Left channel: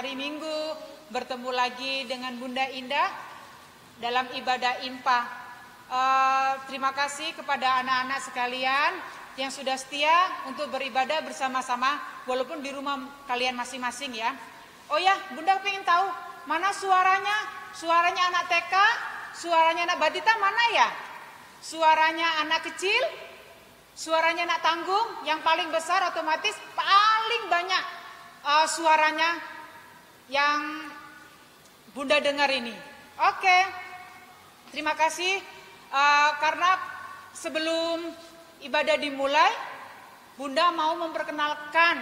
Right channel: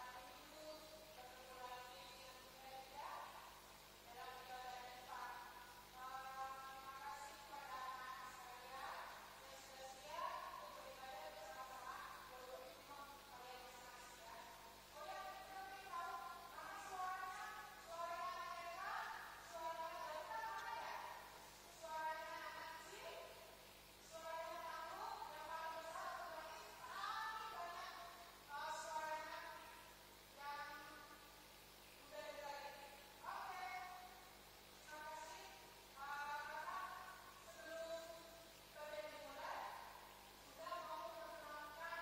hari Minggu bertemu lagi dengan Bunda Indah dalam ibadah IMPA. Terima kasih kepada anak-anak sekalian yang sudah setia untuk beribadah bersama-sama walaupun di rumah kalian masing-masing ya. Oh ya, Bunda pengen tahu mana suaranya? Suaranya anak TK, suaranya anak Batita mana ya? Suaranya anak kecil, suaranya anak tanggung, yang paling besar otomatis paling banyak suaranya yang Bunda dengar ini. Oke, terima kasih karena sebelum ibadah dimulai, Bunda mau memperkenalkan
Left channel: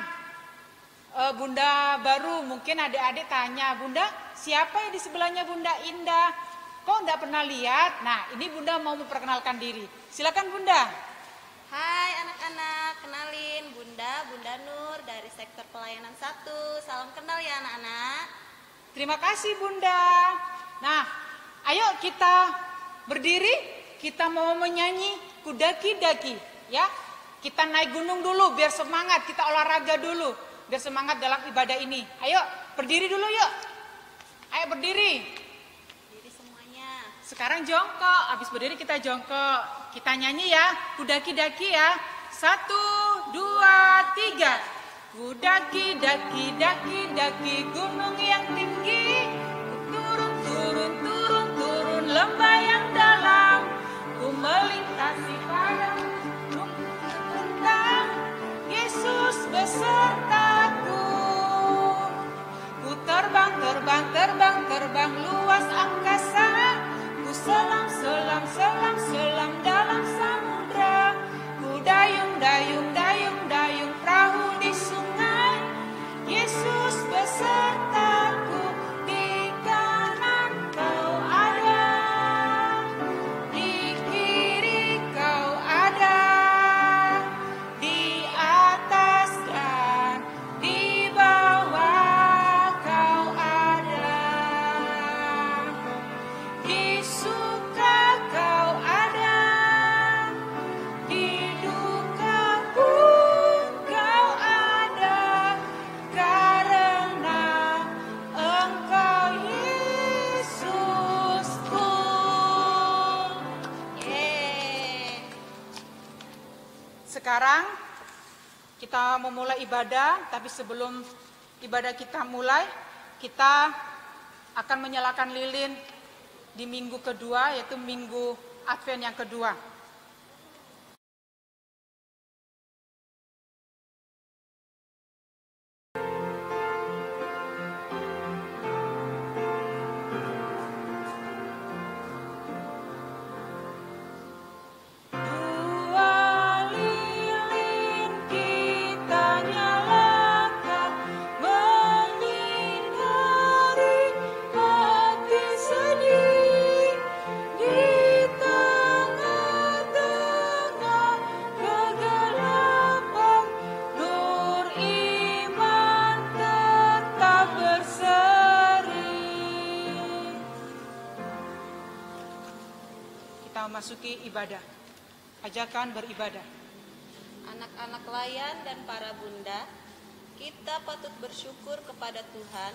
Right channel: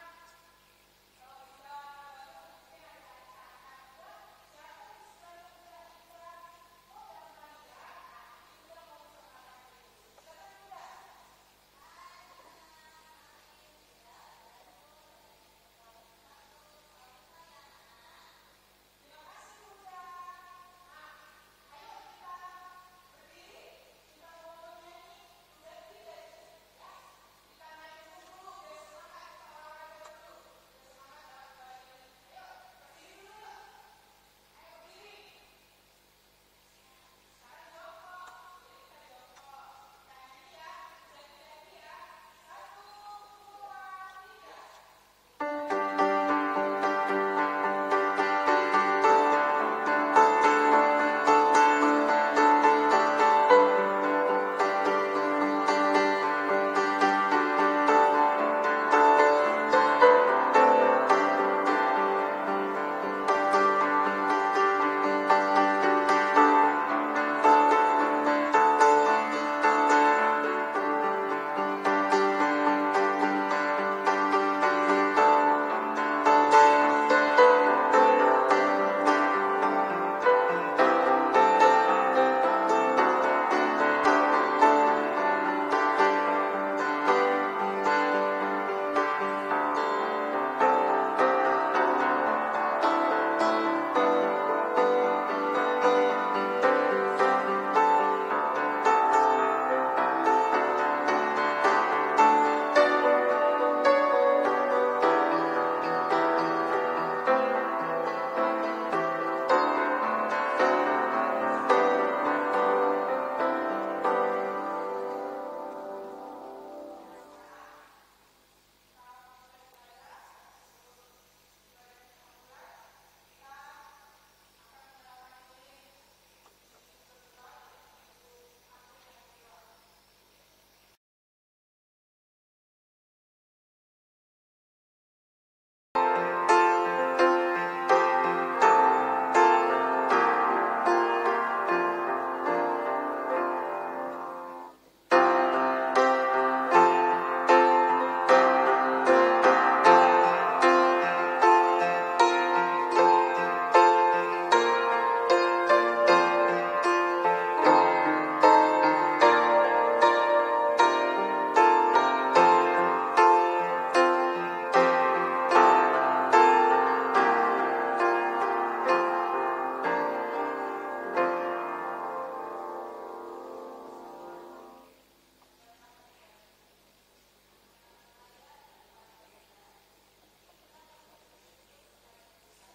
Bunda baru. Mungkin adik-adik tanya, Bunda siapa ya di sebelahnya Bunda Indah? Kok enggak pernah lihat? Nah, ini Bunda mau memperkenalkan diri. Silakan Bunda. Hai anak-anak, kenalin Bunda Nur dari sektor pelayanan 1. Salam kenal ya anak-anak. Terima kasih Bunda. Nah, ayo kita berdiri, kita mau menyanyi Kudaki-daki ya. Kita naik gunung dulu biar semangat, kita olahraga dulu biar semangat dalam ibadah ini. Ayo berdiri dulu yuk. Ayo berdiri. Berdiri semuanya. Sekarang jongkok, habis berdiri kita jongkok. Kita nyanyi ya, Kudaki-daki ya. 1, 2, 3. Kudaki-daki, daki-daki gunung yang tinggi. Turun, turun, turun, turun lembah yang dalam. Ku melintasi padang, Yesus besertaku. Ku terbang, terbang, terbang, terbang luas angkasa. Ku selam, selam, selam, selam dalam samudra. Ku dayung, dayung, dayung, dayung perahu di sungai. Yesus besertaku, di kanan kau ada, di kiri kau ada, di atas dan di bawah kau ada, di suka kau ada, di lukaku kau ada, karena Engkau Yesusku. Yeay. Sekarang kita memulai ibadah, tapi sebelum ibadah kita mulai, kita akan menyalakan lilin di minggu kedua, yaitu minggu Advent yang kedua. Kita memasuki ibadah. Ajakan beribadah. Anak-anak layan dan para bunda, kita patut bersyukur kepada Tuhan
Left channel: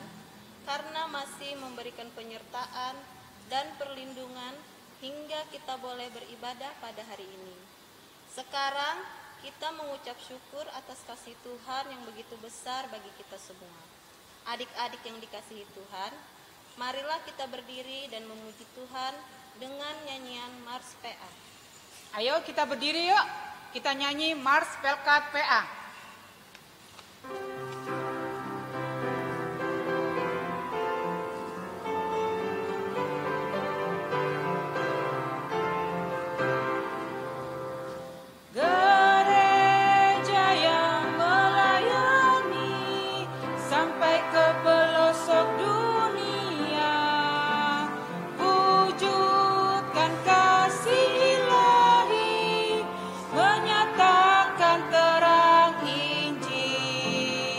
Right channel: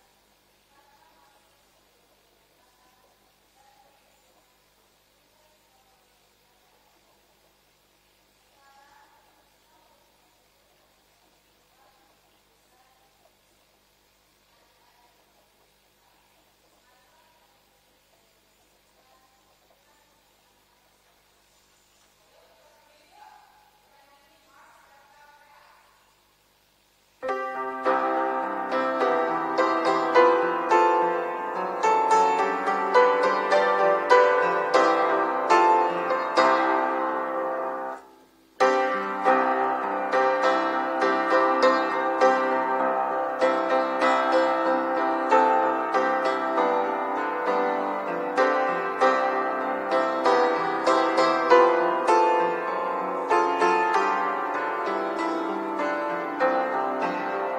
karena masih memberikan penyertaan dan perlindungan hingga kita boleh beribadah pada hari ini. Sekarang kita mengucap syukur atas kasih Tuhan yang begitu besar bagi kita semua. Adik-adik yang dikasihi Tuhan, marilah kita berdiri dan memuji Tuhan dengan nyanyian Mars PA. Ayo kita berdiri yuk. Kita nyanyi Mars Pelkat PA. Gereja yang melayani sampai ke pelosok dunia, wujudkan kasih ilahi, menyatakan terang Injil.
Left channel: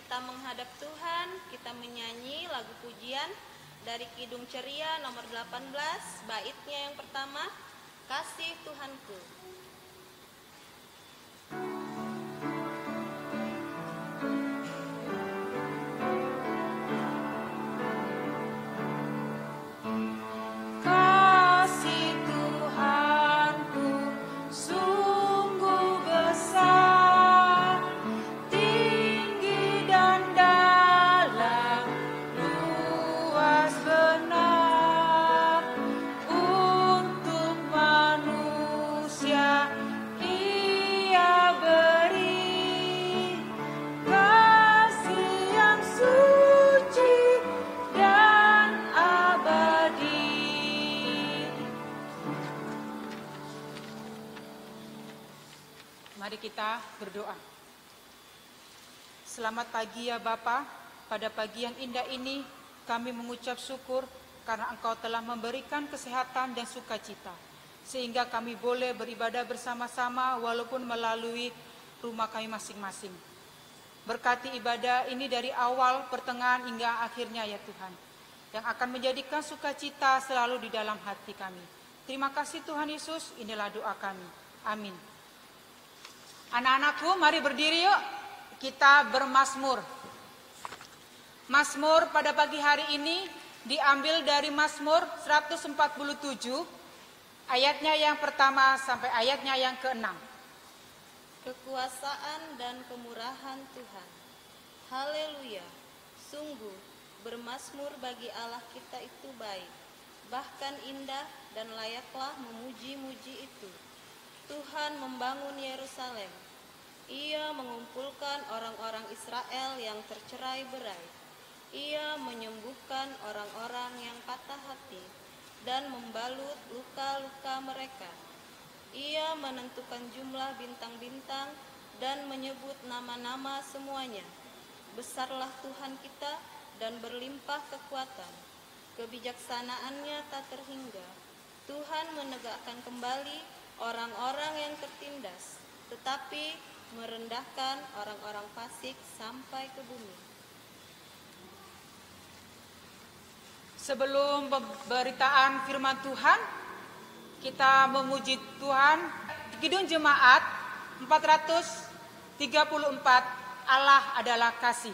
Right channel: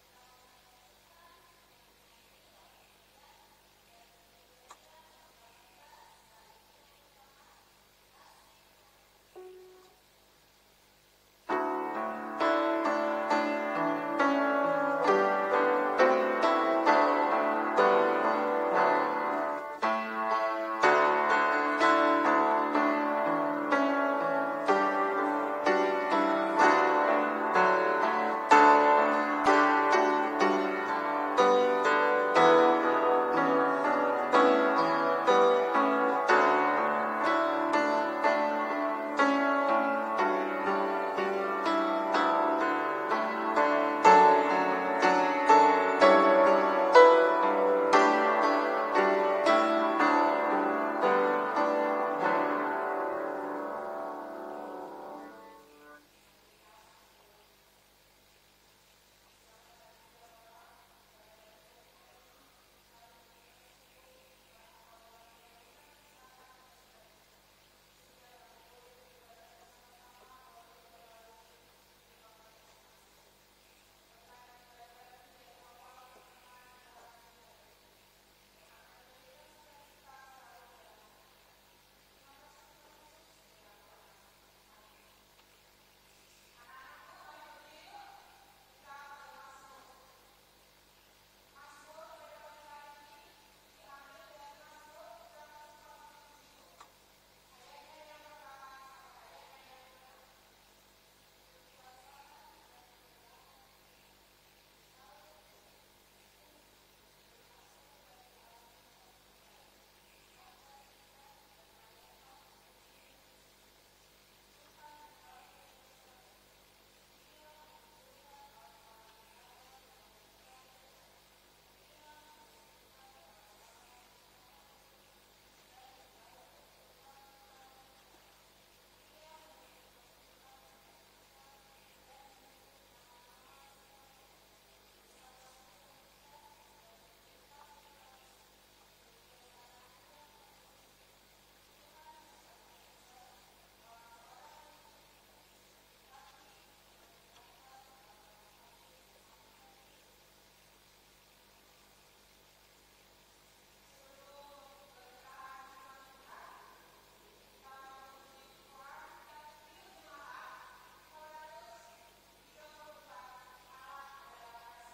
kita menghadap Tuhan, kita menyanyi lagu pujian dari Kidung Ceria nomor 18, baitnya yang pertama, Kasih Tuhanku. Mari kita berdoa. Selamat pagi ya Bapa, pada pagi yang indah ini kami mengucap syukur karena Engkau telah memberikan kesehatan dan sukacita, sehingga kami boleh beribadah bersama-sama walaupun melalui rumah kami masing-masing. Berkati ibadah ini dari awal, pertengahan hingga akhirnya ya Tuhan, yang akan menjadikan sukacita selalu di dalam hati kami. Terima kasih Tuhan Yesus, inilah doa kami. Amin. Anak-anakku, mari berdiri yuk, kita bermazmur. Mazmur pada pagi hari ini diambil dari Mazmur 147, ayatnya yang pertama sampai ayatnya yang ke-6. Kekuasaan dan kemurahan Tuhan. Haleluya. Sungguh bermazmur bagi Allah kita itu baik, bahkan indah dan layaklah memuji-muji itu. Tuhan membangun Yerusalem. Ia mengumpulkan orang-orang Israel yang tercerai-berai. Ia menyembuhkan orang-orang yang patah hati dan membalut luka-luka mereka. Ia menentukan jumlah bintang-bintang dan menyebut nama-nama semuanya. Besarlah Tuhan kita dan berlimpah kekuatan. Kebijaksanaannya tak terhingga. Tuhan menegakkan kembali orang-orang yang tertindas, tetapi merendahkan orang-orang fasik sampai ke bumi. Sebelum pemberitaan firman Tuhan, kita memuji Tuhan. Kidung Jemaat 434, Allah adalah kasih.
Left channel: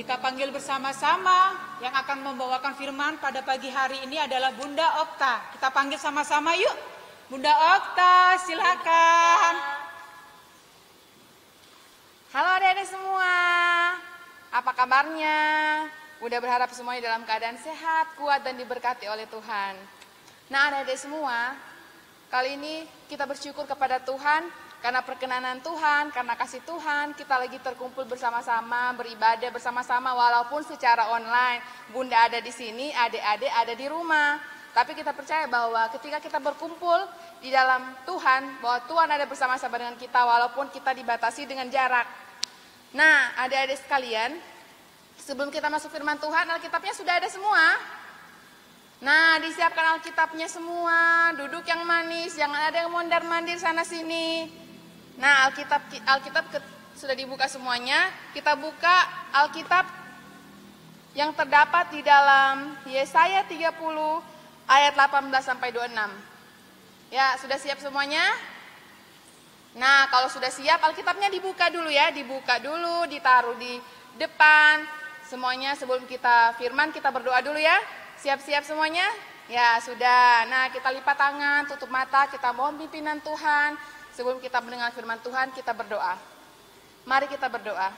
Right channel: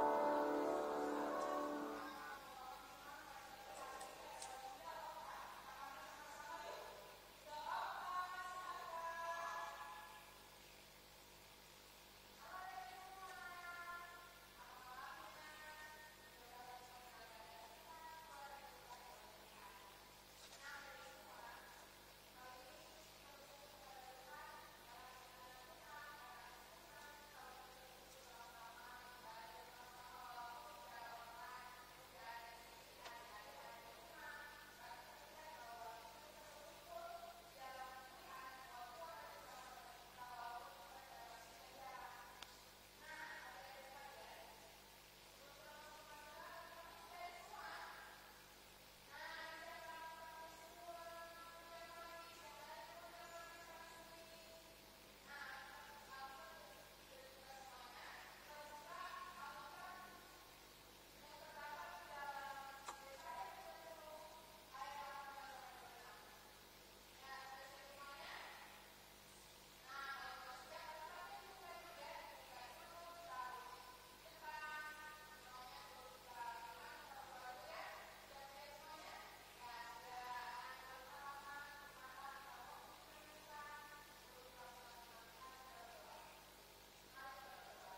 Kita panggil bersama-sama yang akan membawakan firman pada pagi hari ini adalah Bunda Okta. Kita panggil sama-sama yuk. Bunda Okta, silakan. Halo adik-adik semua, apa kabarnya? Bunda berharap semuanya dalam keadaan sehat, kuat, dan diberkati oleh Tuhan. Nah adik-adik semua, kali ini kita bersyukur kepada Tuhan karena perkenanan Tuhan, karena kasih Tuhan, kita lagi terkumpul bersama-sama, beribadah bersama-sama walaupun secara online. Bunda ada di sini, adik-adik ada di rumah. Tapi kita percaya bahwa ketika kita berkumpul di dalam Tuhan, bahwa Tuhan ada bersama-sama dengan kita walaupun kita dibatasi dengan jarak. Nah, adik-adik sekalian, sebelum kita masuk firman Tuhan, Alkitabnya sudah ada semua. Nah, disiapkan Alkitabnya semua, duduk yang manis, jangan ada yang mondar-mandir sana sini. Nah, Alkitab sudah dibuka semuanya. Kita buka Alkitab yang terdapat di dalam Yesaya 30 ayat 18 sampai 26. Ya, sudah siap semuanya? Nah, kalau sudah siap Alkitabnya dibuka dulu ya, dibuka dulu, ditaruh di depan. Semuanya sebelum kita firman kita berdoa dulu ya. Siap-siap semuanya? Ya, sudah. Nah, kita lipat tangan, tutup mata, kita mohon pimpinan Tuhan. Sebelum kita mendengar firman Tuhan, kita berdoa. Mari kita berdoa.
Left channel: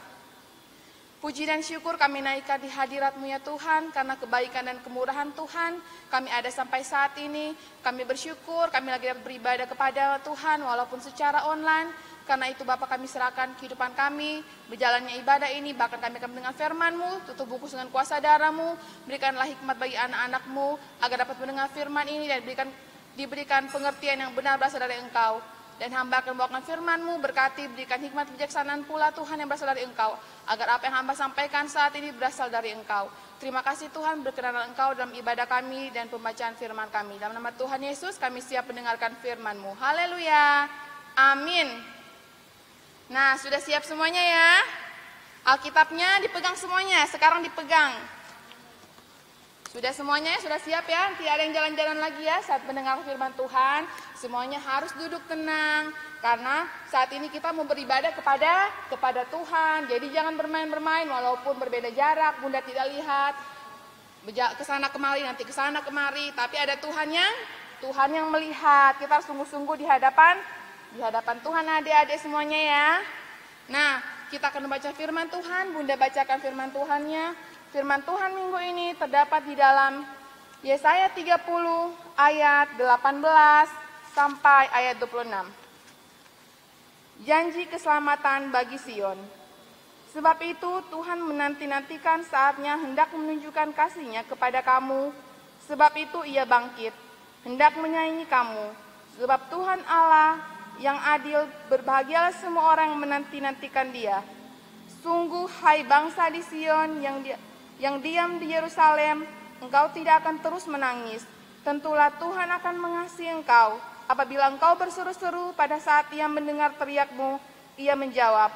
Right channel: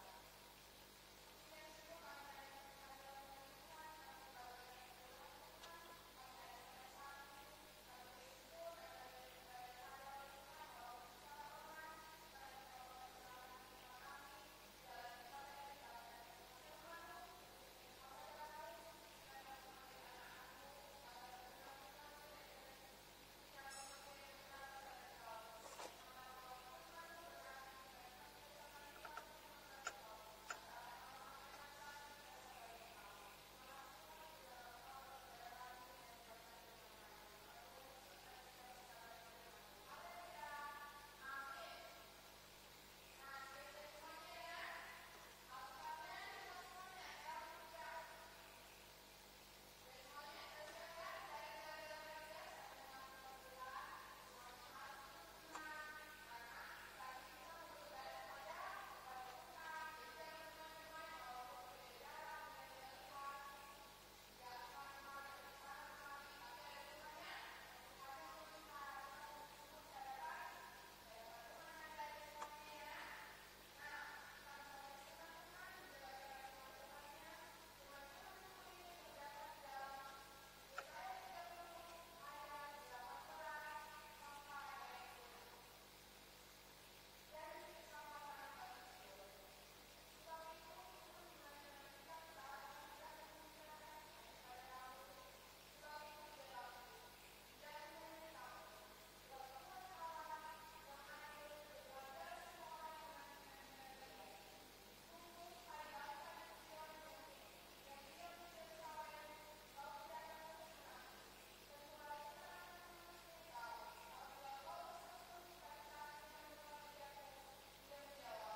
Puji dan syukur kami naikkan di hadirat-Mu ya Tuhan, karena kebaikan dan kemurahan Tuhan, kami ada sampai saat ini. Kami bersyukur, kami lagi dapat beribadah kepada Tuhan, walaupun secara online. Karena itu Bapa kami serahkan kehidupan kami, berjalannya ibadah ini, bahkan kami akan mendengar firman-Mu, tutup bungkus dengan kuasa darah-Mu, berikanlah hikmat bagi anak-anak-Mu, agar dapat mendengar firman ini dan diberikan pengertian yang benar berasal dari Engkau. Dan hamba akan membawakan firman-Mu, berkati, berikan hikmat bijaksanaan pula Tuhan yang berasal dari Engkau, agar apa yang hamba sampaikan saat ini berasal dari Engkau. Terima kasih Tuhan, berkenan Engkau dalam ibadah kami dan pembacaan firman kami. Dalam nama Tuhan Yesus kami siap mendengarkan firman-Mu. Haleluya, amin. Nah, sudah siap semuanya ya? Alkitabnya dipegang semuanya, sekarang dipegang. Sudah semuanya, sudah siap ya? Tidak ada yang jalan-jalan lagi ya saat mendengar firman Tuhan. Semuanya harus duduk tenang, karena saat ini kita mau beribadah kepada Tuhan. Jadi jangan bermain-bermain walaupun berbeda jarak, Bunda tidak lihat. Kesana kemari, nanti kesana kemari. Tapi ada Tuhan yang melihat. Kita harus sungguh-sungguh di hadapan Tuhan adik-adik semuanya ya. Nah, kita akan membaca firman Tuhan. Bunda bacakan firman Tuhannya. Firman Tuhan minggu ini terdapat di dalam Yesaya 30 ayat 18 sampai ayat 26. Janji keselamatan bagi Sion. Sebab itu Tuhan menanti-nantikan saatnya hendak menunjukkan kasih-Nya kepada kamu. Sebab itu Ia bangkit, hendak menyayangi kamu. Sebab Tuhan Allah yang adil, berbahagialah semua orang yang menanti-nantikan Dia. Sungguh hai bangsa di Sion yang diam di Yerusalem, engkau tidak akan terus menangis. Tentulah Tuhan akan mengasihi engkau. Apabila engkau berseru-seru pada saat Ia mendengar teriakmu, Ia menjawab.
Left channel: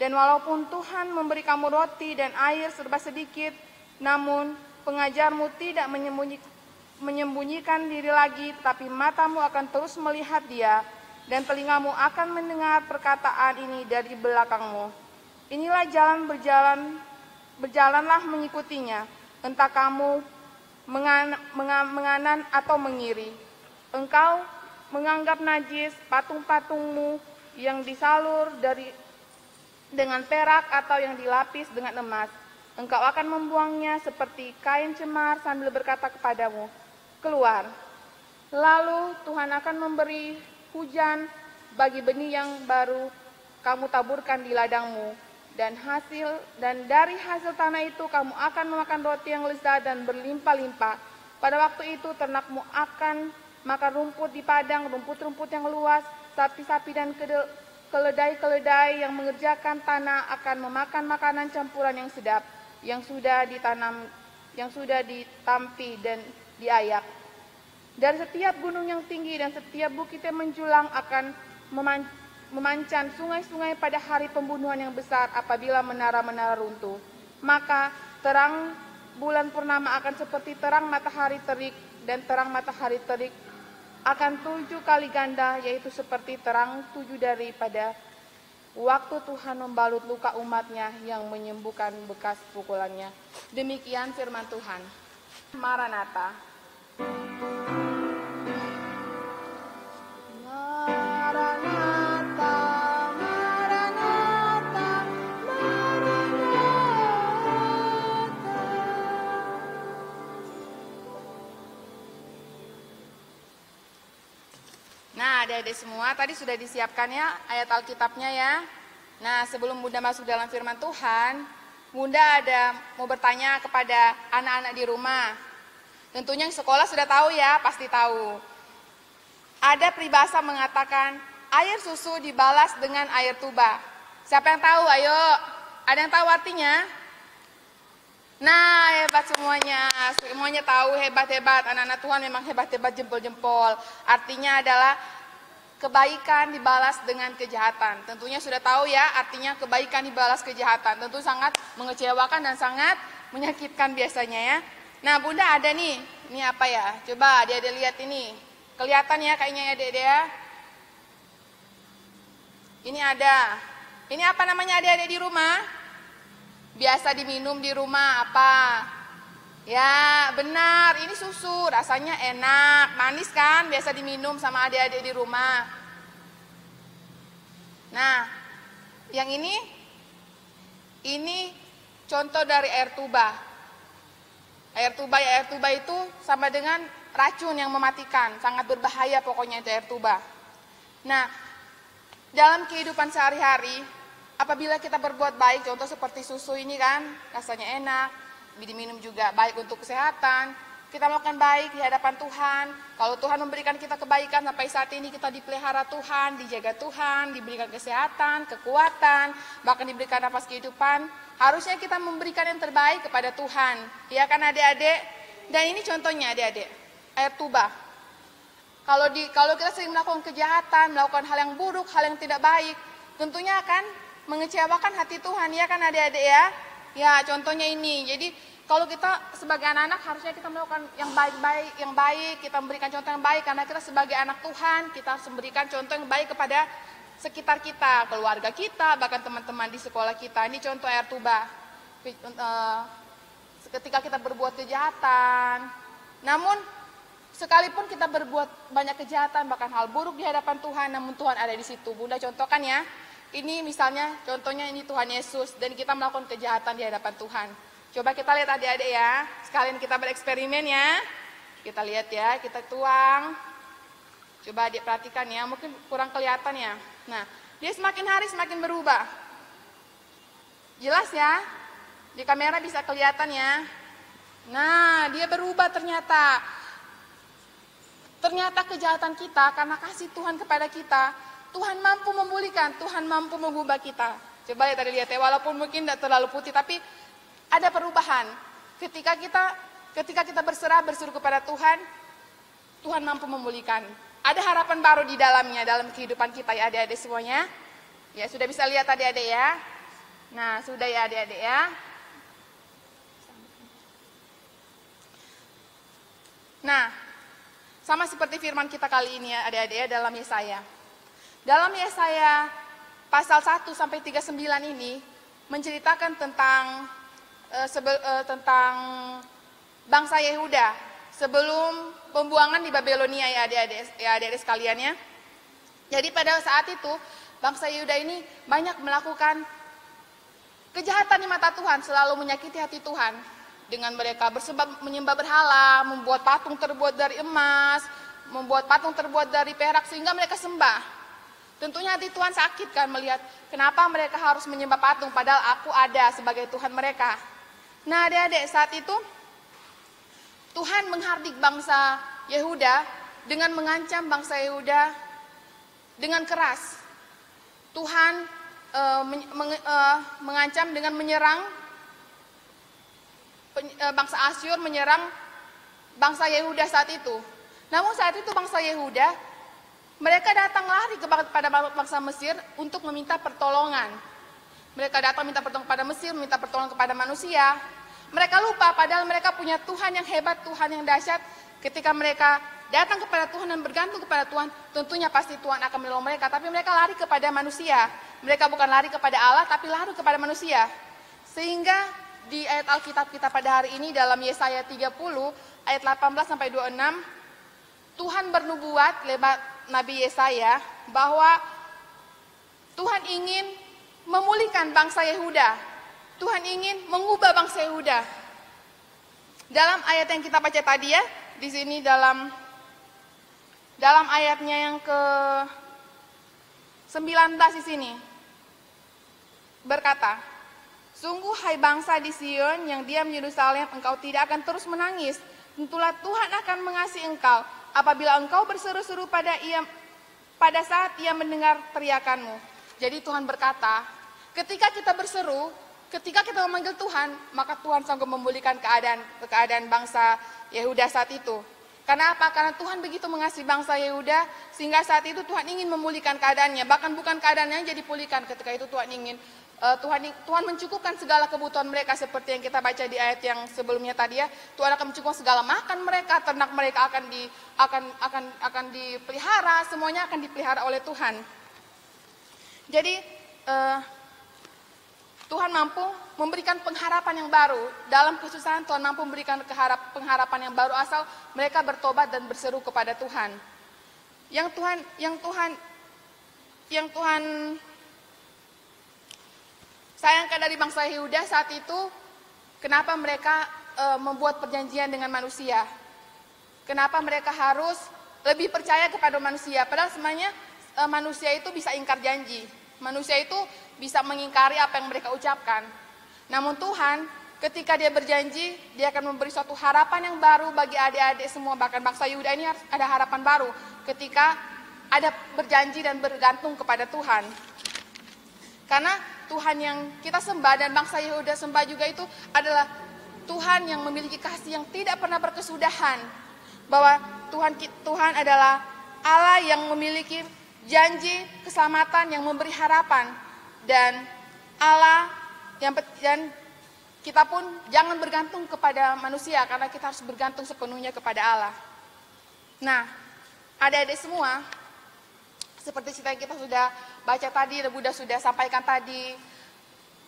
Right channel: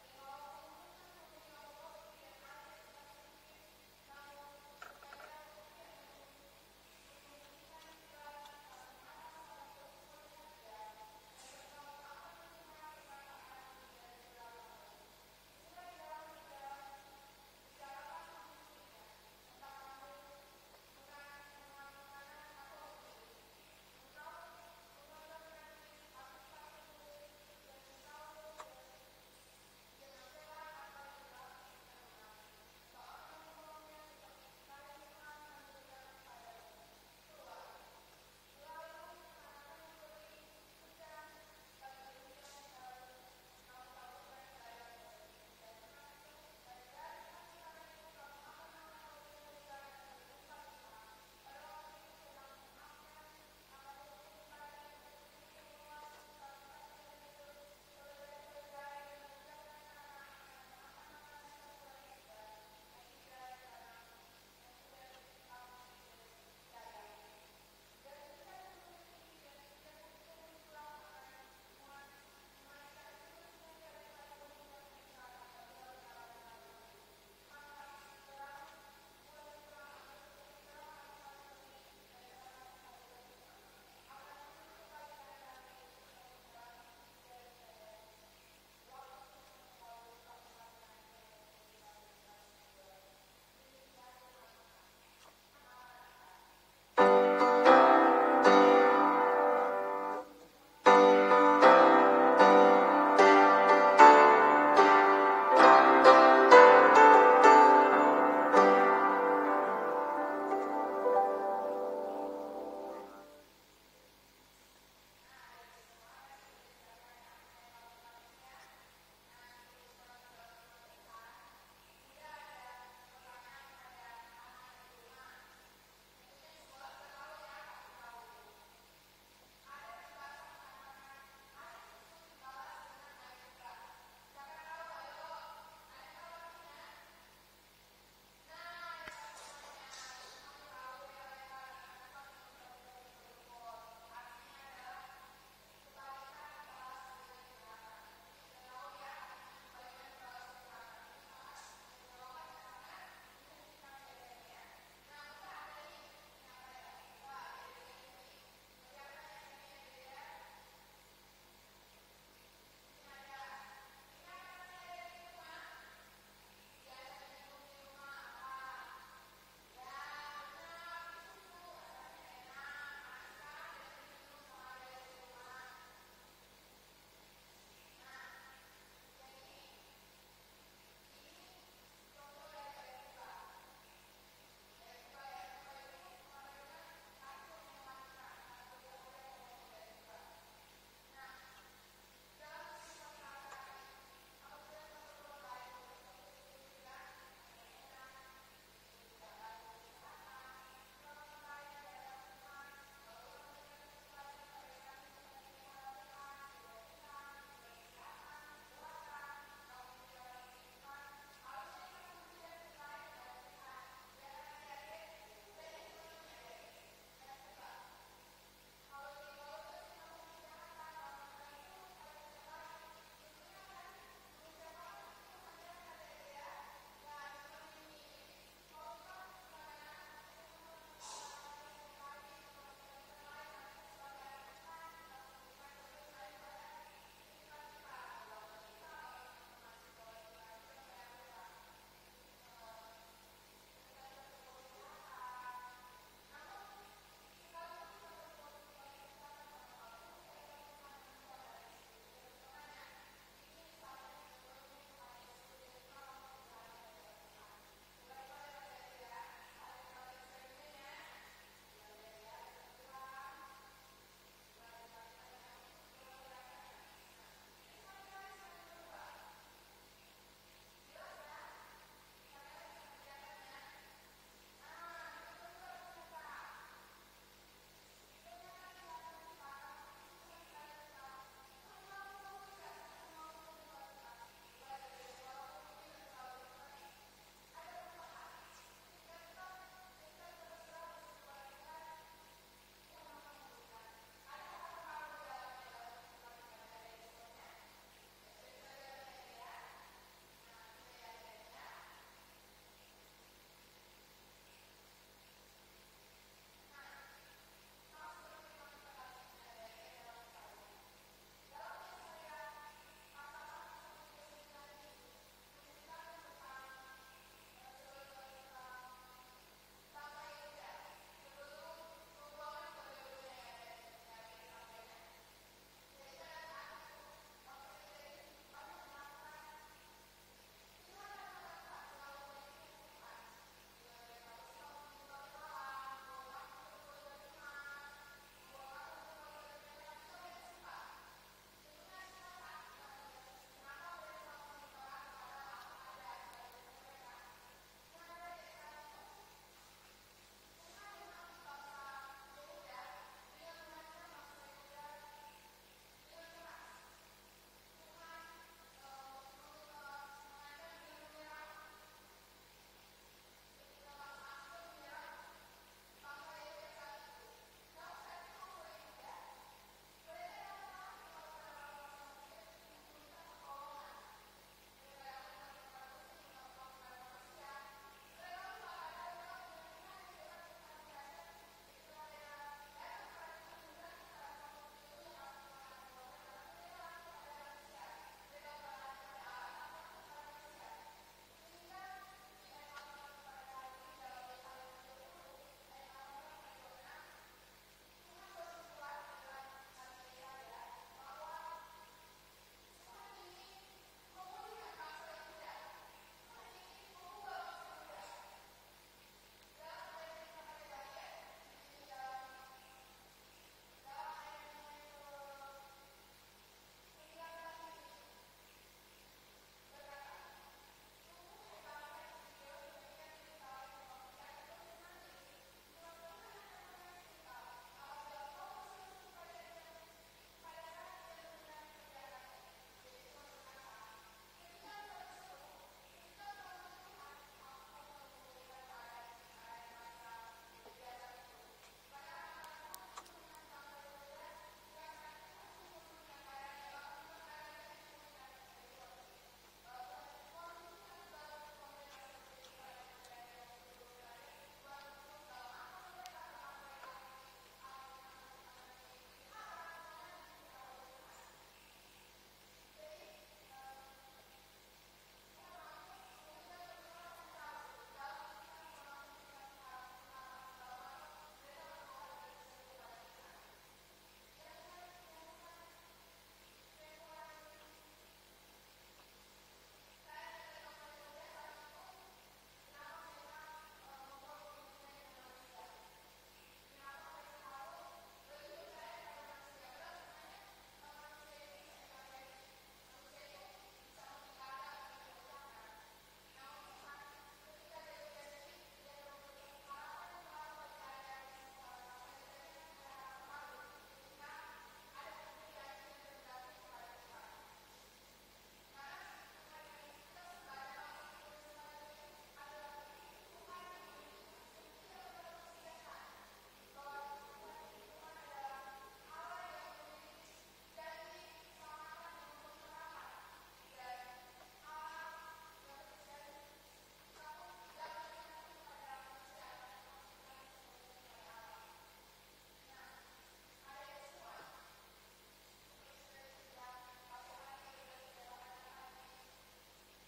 Dan walaupun Tuhan memberi kamu roti dan air serba sedikit, namun pengajarmu tidak menyembunyikan diri lagi, tapi matamu akan terus melihat Dia, dan telingamu akan mendengar perkataan ini dari belakangmu. Inilah jalan berjalanlah mengikutinya, entah kamu menganan atau mengiri. Engkau menganggap najis patung-patungmu yang disalur dengan perak atau yang dilapis dengan emas. Engkau akan membuangnya seperti kain cemar sambil berkata kepadamu, keluar. Lalu Tuhan akan memberi hujan bagi benih yang baru kamu taburkan di ladangmu. Dan dari hasil tanah itu kamu akan memakan roti yang lezat dan berlimpah-limpah. Pada waktu itu ternakmu akan makan rumput di padang, rumput-rumput yang luas, sapi-sapi dan keledai-keledai yang mengerjakan tanah akan memakan makanan campuran yang sedap, yang sudah ditampi dan diayak. Dan setiap gunung yang tinggi dan setiap bukit yang menjulang akan memancan sungai-sungai pada hari pembunuhan yang besar apabila menara-menara runtuh. Maka terang bulan purnama akan seperti terang matahari terik, dan terang matahari terik akan 7 kali ganda, yaitu seperti terang 7 daripada waktu Tuhan membalut luka umatnya yang menyembuhkan bekas pukulannya. Demikian firman Tuhan. Maranatha. Nah, adik-adik semua, tadi sudah disiapkan ya ayat Alkitabnya ya. Nah, sebelum Bunda masuk dalam firman Tuhan, Bunda ada mau bertanya kepada anak-anak di rumah. Tentunya yang sekolah sudah tahu ya, pasti tahu. Ada peribahasa mengatakan, air susu dibalas dengan air tuba. Siapa yang tahu? Ayo, ada yang tahu artinya? Nah, hebat semuanya. Semuanya tahu, hebat-hebat. Anak-anak Tuhan memang hebat-hebat, jempol-jempol. Artinya adalah kebaikan dibalas dengan kejahatan. Tentunya sudah tahu ya, artinya kebaikan dibalas kejahatan. Tentu sangat mengecewakan dan sangat menyakitkan biasanya ya. Nah, Bunda ada nih. Ini apa ya? Coba adik-adik lihat ini. Kelihatan ya kayaknya ya adik-adik ya. Ini ada. Ini apa namanya adik-adik di rumah? Biasa diminum di rumah apa? Ya benar, ini susu, rasanya enak, manis kan, biasa diminum sama adik-adik di rumah. Nah, yang ini contoh dari air tuba. Air tuba itu sama dengan racun yang mematikan, sangat berbahaya pokoknya itu air tuba. Nah, dalam kehidupan sehari-hari, apabila kita berbuat baik, contoh seperti susu ini kan, rasanya enak, diminum juga baik untuk kesehatan. Kita melakukan baik di hadapan Tuhan. Kalau Tuhan memberikan kita kebaikan sampai saat ini kita dipelihara Tuhan, dijaga Tuhan, diberikan kesehatan, kekuatan, bahkan diberikan nafas kehidupan. Harusnya kita memberikan yang terbaik kepada Tuhan. Ya kan adik-adik? Dan ini contohnya adik-adik, air tuba. Kalau kita sering melakukan kejahatan, melakukan hal yang buruk, hal yang tidak baik, tentunya akan mengecewakan hati Tuhan, ya kan adik-adik ya? Ya, contohnya ini. Jadi, kalau kita sebagai anak-anak harusnya kita melakukan yang baik, kita memberikan contoh yang baik karena kita sebagai anak Tuhan, kita harus memberikan contoh yang baik kepada sekitar kita, keluarga kita, bahkan teman-teman di sekolah kita. Ini contoh air tuba. Ketika kita berbuat kejahatan, namun sekalipun kita berbuat banyak kejahatan, bahkan hal buruk di hadapan Tuhan, namun Tuhan ada di situ. Bunda contohkan ya. Ini misalnya, contohnya ini Tuhan Yesus, dan kita melakukan kejahatan di hadapan Tuhan. Coba kita lihat adik-adik ya, sekalian kita bereksperimen ya. Kita lihat ya, kita tuang. Coba adik perhatikan ya, mungkin kurang kelihatan ya. Nah, dia semakin hari semakin berubah. Jelas ya, di kamera bisa kelihatan ya. Nah, dia berubah ternyata. Ternyata kejahatan kita, karena kasih Tuhan kepada kita, Tuhan mampu memulihkan, Tuhan mampu mengubah kita. Coba lihat lihat ya, walaupun mungkin tidak terlalu putih, tapi ada perubahan. Ketika kita berserah kepada Tuhan, Tuhan mampu memulihkan. Ada harapan baru di dalamnya, dalam kehidupan kita ya adik-adik semuanya. Ya sudah bisa lihat adik-adik ya. Nah sudah ya adik-adik ya. Nah sama seperti firman kita kali ini ya adik-adik ya dalam Yesaya. Dalam Yesaya pasal 1 sampai 39 ini menceritakan tentang bangsa Yehuda sebelum pembuangan di Babilonia ya adik-adik sekalian ya. Jadi pada saat itu bangsa Yehuda ini banyak melakukan kejahatan di mata Tuhan, selalu menyakiti hati Tuhan dengan mereka menyembah berhala, membuat patung terbuat dari emas, membuat patung terbuat dari perak sehingga mereka sembah. Tentunya hati Tuhan sakit kan melihat kenapa mereka harus menyembah patung padahal aku ada sebagai Tuhan mereka. Nah adik-adik saat itu Tuhan menghardik bangsa Yehuda dengan mengancam bangsa Yehuda dengan keras. Tuhan mengancam dengan menyerang bangsa Asyur, menyerang bangsa Yehuda saat itu. Namun saat itu bangsa Yehuda mereka datang lari kepada bangsa Mesir untuk meminta pertolongan. Mereka datang minta pertolongan kepada Mesir, minta pertolongan kepada manusia. Mereka lupa padahal mereka punya Tuhan yang hebat, Tuhan yang dahsyat. Ketika mereka datang kepada Tuhan dan bergantung kepada Tuhan, tentunya pasti Tuhan akan menolong mereka. Tapi mereka lari kepada manusia. mereka bukan lari kepada Allah tapi lari kepada manusia. Sehingga di ayat Alkitab kita pada hari ini dalam Yesaya 30 ayat 18 sampai 26, Tuhan bernubuat lewat Nabi Yesaya bahwa Tuhan ingin memulihkan bangsa Yehuda. Tuhan ingin mengubah bangsa Yehuda. Dalam ayat yang kita baca tadi ya, di sini dalam ayatnya yang ke-19 di sini berkata, sungguh hai bangsa di Sion yang diam di Yerusalem, engkau tidak akan terus menangis. Tentulah Tuhan akan mengasihi engkau apabila engkau berseru-seru pada saat ia mendengar teriakanmu. Jadi Tuhan berkata, ketika kita berseru, ketika kita memanggil Tuhan, maka Tuhan sanggup memulihkan keadaan bangsa Yehuda saat itu. Karena apa? Karena Tuhan begitu mengasihi bangsa Yehuda, sehingga saat itu Tuhan ingin memulihkan keadaannya. Bahkan bukan keadaannya yang jadi pulihkan, ketika itu Tuhan ingin Tuhan mencukupkan segala kebutuhan mereka, seperti yang kita baca di ayat yang sebelumnya tadi ya. Tuhan akan mencukupkan segala makan mereka, ternak mereka akan dipelihara, semuanya akan dipelihara oleh Tuhan. Jadi Tuhan mampu memberikan pengharapan yang baru. Dalam kesusahan Tuhan mampu memberikan pengharapan yang baru asal mereka bertobat dan berseru kepada Tuhan. Yang Tuhan sayangkan dari bangsa Yehuda saat itu, kenapa mereka membuat perjanjian dengan manusia? Kenapa mereka harus lebih percaya kepada manusia? Padahal sebenarnya manusia itu bisa ingkar janji. Manusia itu bisa mengingkari apa yang mereka ucapkan. Namun Tuhan, ketika dia berjanji, dia akan memberi suatu harapan yang baru bagi adik-adik semua. Bahkan bangsa Yehuda ini ada harapan baru ketika ada berjanji dan bergantung kepada Tuhan. Karena Tuhan yang kita sembah dan bangsa Yehuda sembah juga itu adalah Tuhan yang memiliki kasih yang tidak pernah berkesudahan. Bahwa Tuhan adalah Allah yang memiliki janji keselamatan yang memberi harapan. Dan Allah dan kita pun jangan bergantung kepada manusia, karena kita harus bergantung sepenuhnya kepada Allah. Nah, adik-adik semua, seperti cerita yang kita sudah baca tadi, Bunda sudah sampaikan tadi,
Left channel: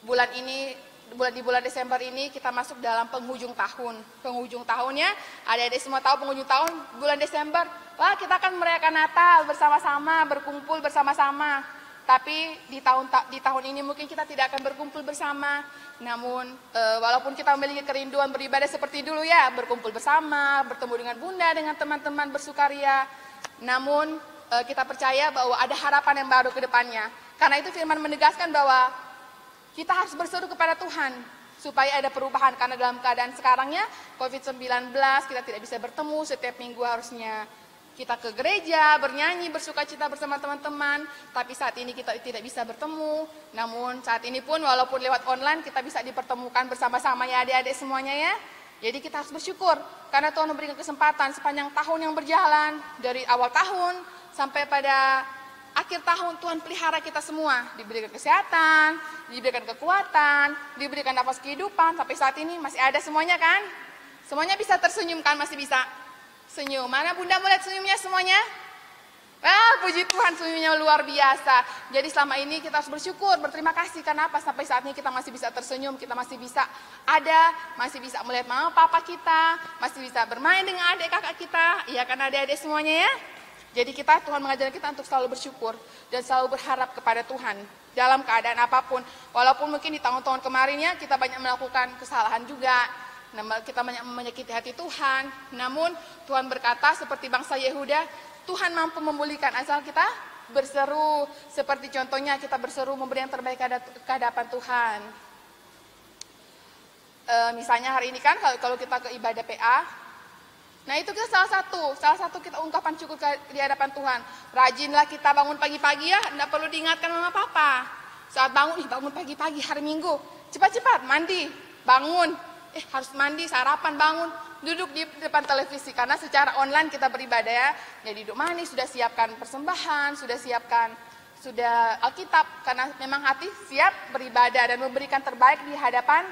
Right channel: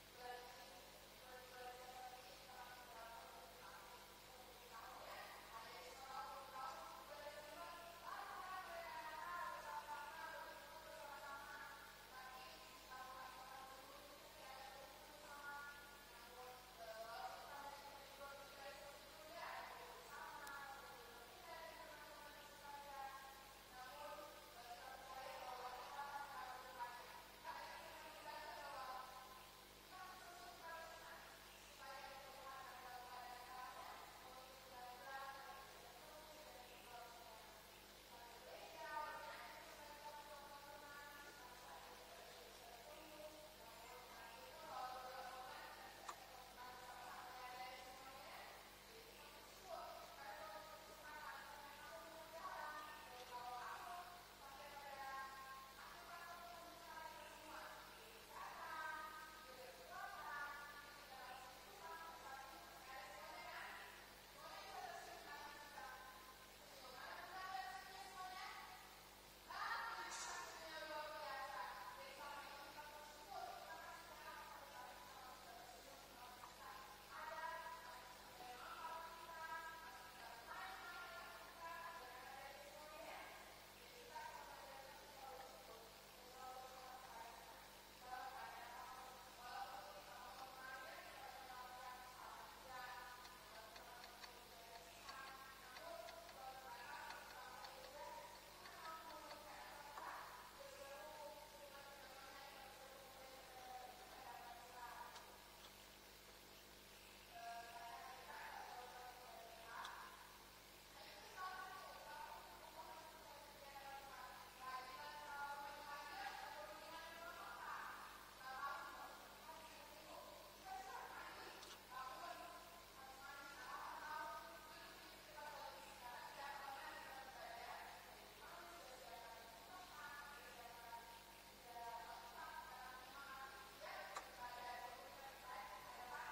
di bulan Desember ini kita masuk dalam penghujung tahun. Penghujung tahunnya, adik-adik semua tahu penghujung tahun bulan Desember, wah kita akan merayakan Natal bersama-sama, berkumpul bersama-sama. Tapi di tahun ini mungkin kita tidak akan berkumpul bersama. Namun walaupun kita memiliki kerinduan beribadah seperti dulu ya, berkumpul bersama, bertemu dengan Bunda, dengan teman-teman bersukaria. Namun kita percaya bahwa ada harapan yang baru ke depannya. Karena itu firman menegaskan bahwa kita harus berseru kepada Tuhan supaya ada perubahan. Karena dalam keadaan sekarangnya COVID-19 kita tidak bisa bertemu, setiap minggu harusnya kita ke gereja, bernyanyi, bersukacita bersama teman-teman. Tapi saat ini kita tidak bisa bertemu. Namun saat ini pun walaupun lewat online kita bisa dipertemukan bersama-sama ya adik-adik semuanya ya. Jadi kita harus bersyukur karena Tuhan memberikan kesempatan sepanjang tahun yang berjalan. Dari awal tahun sampai pada akhir tahun Tuhan pelihara kita semua. Diberikan kesehatan, diberikan kekuatan, diberikan nafas kehidupan. Sampai saat ini masih ada semuanya kan? Semuanya bisa tersenyum kan? Masih bisa senyum. Mana Bunda melihat senyumnya semuanya? Ah, puji Tuhan, senyumnya luar biasa. Jadi selama ini kita harus bersyukur, berterima kasih. Karena apa? Sampai saat ini kita masih bisa tersenyum, kita masih bisa ada, masih bisa melihat mama papa kita, masih bisa bermain dengan adik kakak kita. Iya kan adik-adik semuanya ya? Jadi Tuhan mengajar kita untuk selalu bersyukur dan selalu berharap kepada Tuhan dalam keadaan apapun. Walaupun mungkin di tahun-tahun kemarinnya kita banyak melakukan kesalahan juga, kita banyak menyakiti hati Tuhan. Namun Tuhan berkata seperti bangsa Yehuda, Tuhan mampu memulihkan asal kita berseru. Seperti contohnya kita berseru memberi yang terbaik ke hadapan Tuhan. Misalnya hari ini kan kalau kita ke ibadah PA, nah itu kita salah satu kita ungkapan syukur di hadapan Tuhan. Rajinlah kita bangun pagi-pagi ya, tidak perlu diingatkan mama papa. Saat bangun pagi-pagi hari Minggu, cepat-cepat mandi, bangun, harus mandi, sarapan, bangun, duduk di depan televisi. Karena secara online kita beribadah ya, jadi duduk manis, sudah siapkan persembahan, sudah Alkitab. Karena memang hati siap beribadah dan memberikan terbaik di hadapan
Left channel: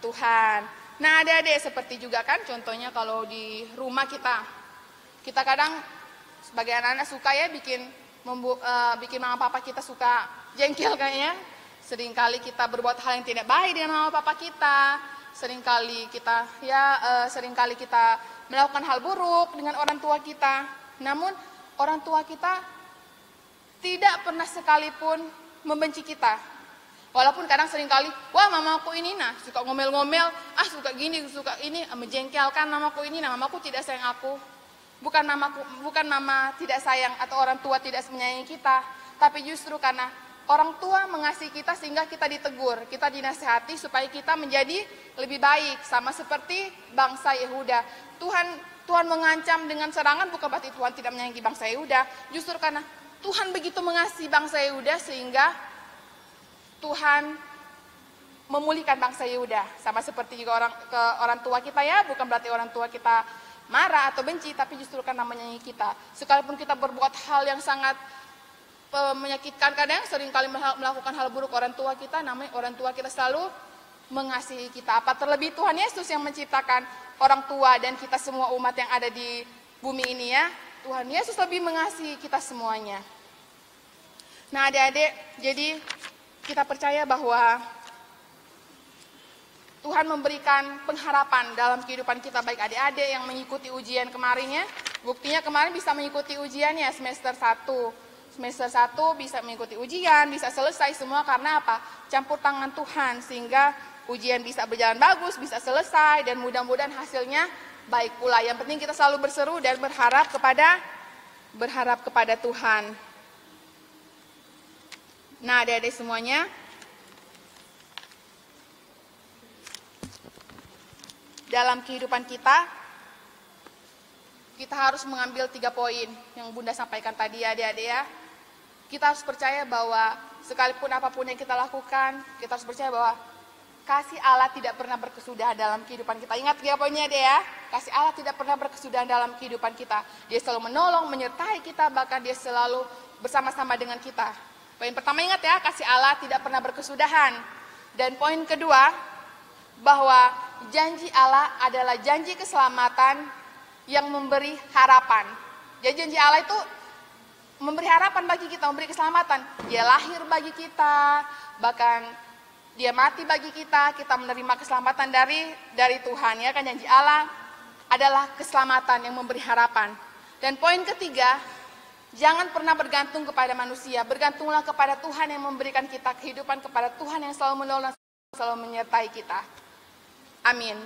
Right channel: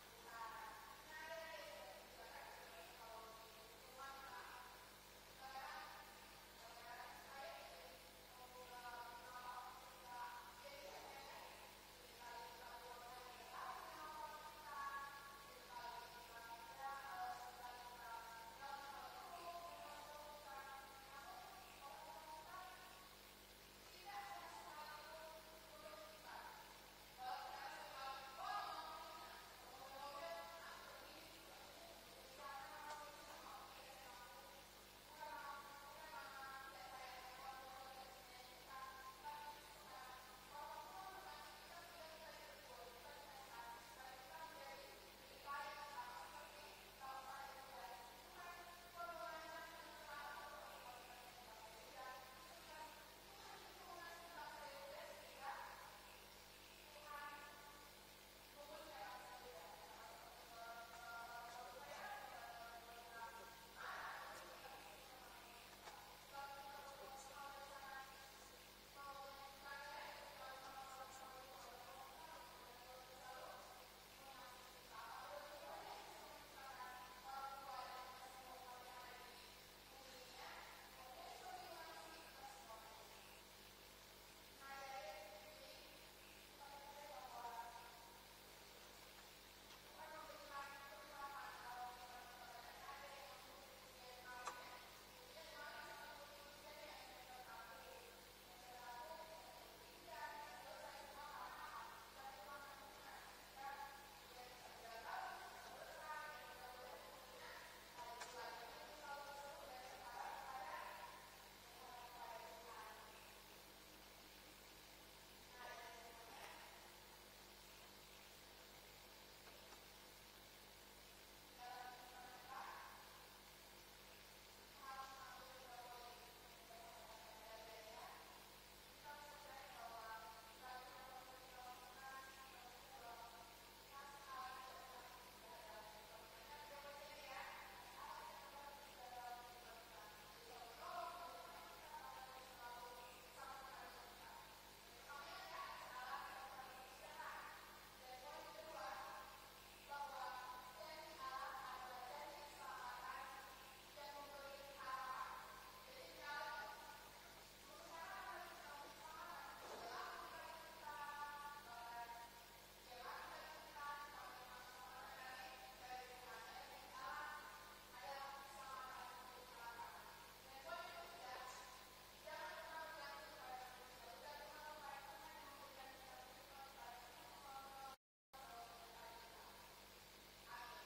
Tuhan. Nah adik-adik seperti juga kan contohnya kalau di rumah kita kadang sebagai anak-anak suka ya bikin mama papa kita suka jengkel kayaknya. Seringkali kita berbuat hal yang tidak baik dengan mama papa kita. Seringkali kita melakukan hal buruk dengan orang tua kita. Namun orang tua kita tidak pernah sekalipun membenci kita. Walaupun kadang seringkali, wah mamaku ini suka ngomel-ngomel, suka gini, suka ini, menjengkelkan mamaku ini, mamaku tidak sayang aku. Bukan mama tidak sayang atau orang tua tidak menyayangi kita, tapi justru karena orang tua mengasihi kita sehingga kita ditegur, kita dinasihati supaya kita menjadi lebih baik, sama seperti bangsa Yehuda. Tuhan mengancam dengan serangan bukan berarti Tuhan tidak menyayangi bangsa Yehuda, justru karena Tuhan begitu mengasihi bangsa Yehuda sehingga Tuhan memulihkan bangsa Yehuda. Sama seperti juga orang tua kita ya, bukan berarti orang tua kita marah atau benci, tapi justru karena menyayangi kita. Sekalipun kita berbuat hal yang sangat menyakitkan, kadang seringkali melakukan hal buruk orang tua kita, namun orang tua kita selalu mengasihi kita. Apa terlebih Tuhan Yesus yang menciptakan orang tua dan kita semua umat yang ada di bumi ini ya. Tuhan Yesus lebih mengasihi kita semuanya. Nah adik-adik, jadi kita percaya bahwa Tuhan memberikan pengharapan dalam kehidupan kita, baik adik-adik yang mengikuti ujian kemarinnya. Buktinya kemarin bisa mengikuti ujiannya semester 1. Semester 1 bisa mengikuti ujian, bisa selesai semua karena apa? Campur tangan Tuhan sehingga ujian bisa berjalan bagus, bisa selesai dan mudah-mudahan hasilnya baik pula. Yang penting kita selalu berseru dan berharap kepada Tuhan. Nah, adik-adik semuanya, dalam kehidupan kita harus mengambil 3 poin yang Bunda sampaikan tadi ya adik-adik ya. Kita harus percaya bahwa sekalipun apapun yang kita lakukan, kita harus percaya bahwa kasih Allah tidak pernah berkesudahan dalam kehidupan kita. Ingat 3 poinnya deh ya. Kasih Allah tidak pernah berkesudahan dalam kehidupan kita. Dia selalu menolong, menyertai kita, bahkan dia selalu bersama-sama dengan kita. Poin pertama ingat ya, kasih Allah tidak pernah berkesudahan. Dan poin kedua, bahwa janji Allah adalah janji keselamatan yang memberi harapan. Jadi janji Allah itu memberi harapan bagi kita, memberi keselamatan. Dia lahir bagi kita, bahkan dia mati bagi kita menerima keselamatan dari Tuhan ya kan. Janji Allah adalah keselamatan yang memberi harapan. Dan poin ketiga, jangan pernah bergantung kepada manusia, bergantunglah kepada Tuhan yang memberikan kita kehidupan, kepada Tuhan yang selalu menolong, selalu menyertai kita. Amin.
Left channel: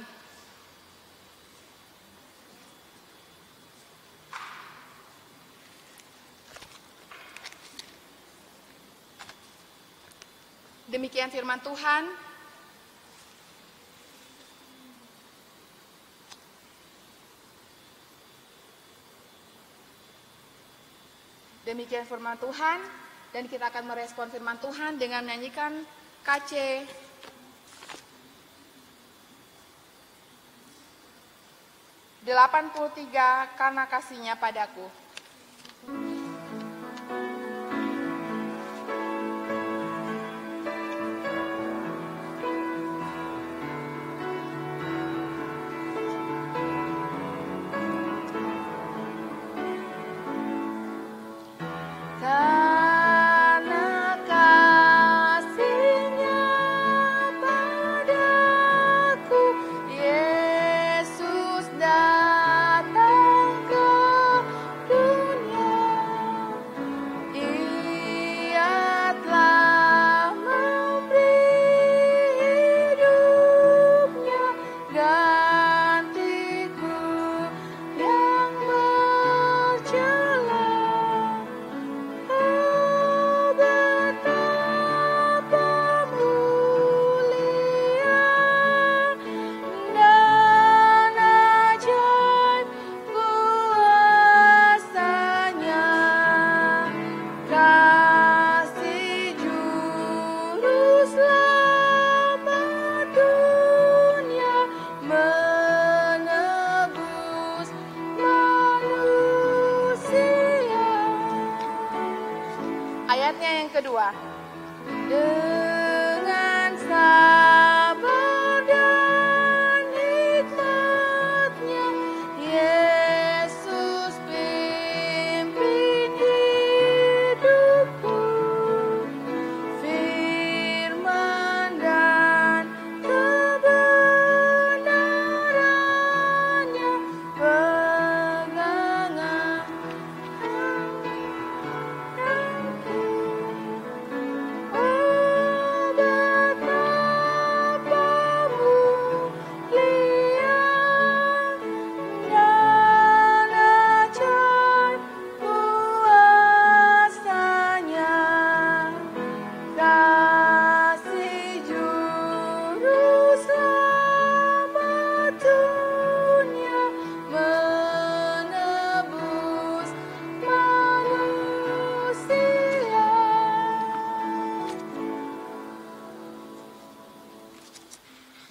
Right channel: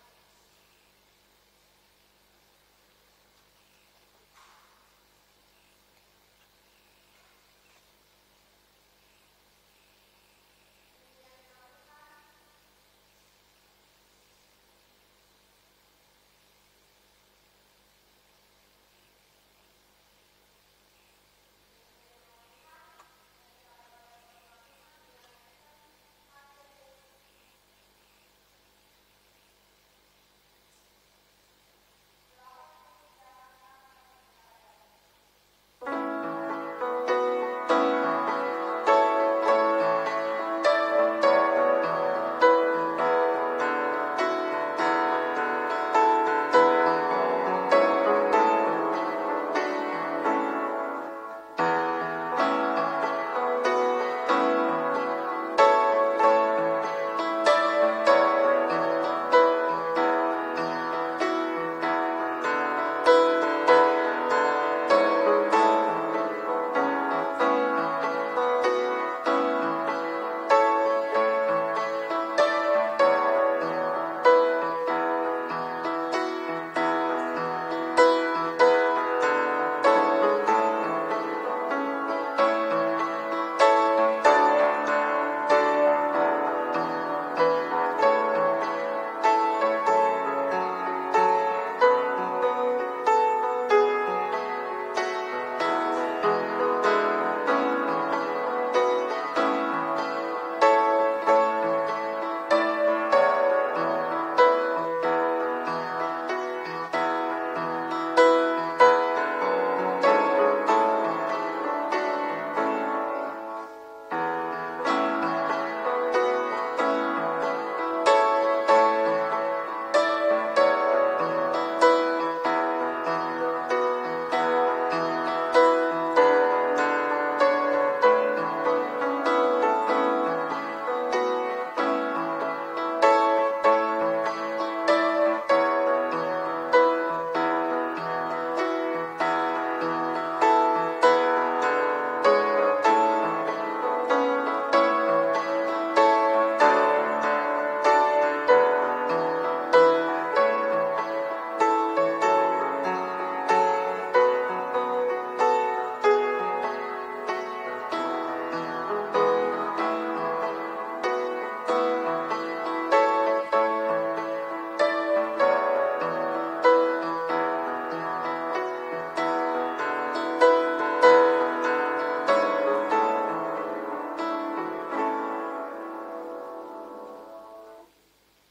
Demikian firman Tuhan. Demikian firman Tuhan, dan kita akan merespon firman Tuhan dengan menyanyikan KC 83, karena kasihnya padaku. Yesus datang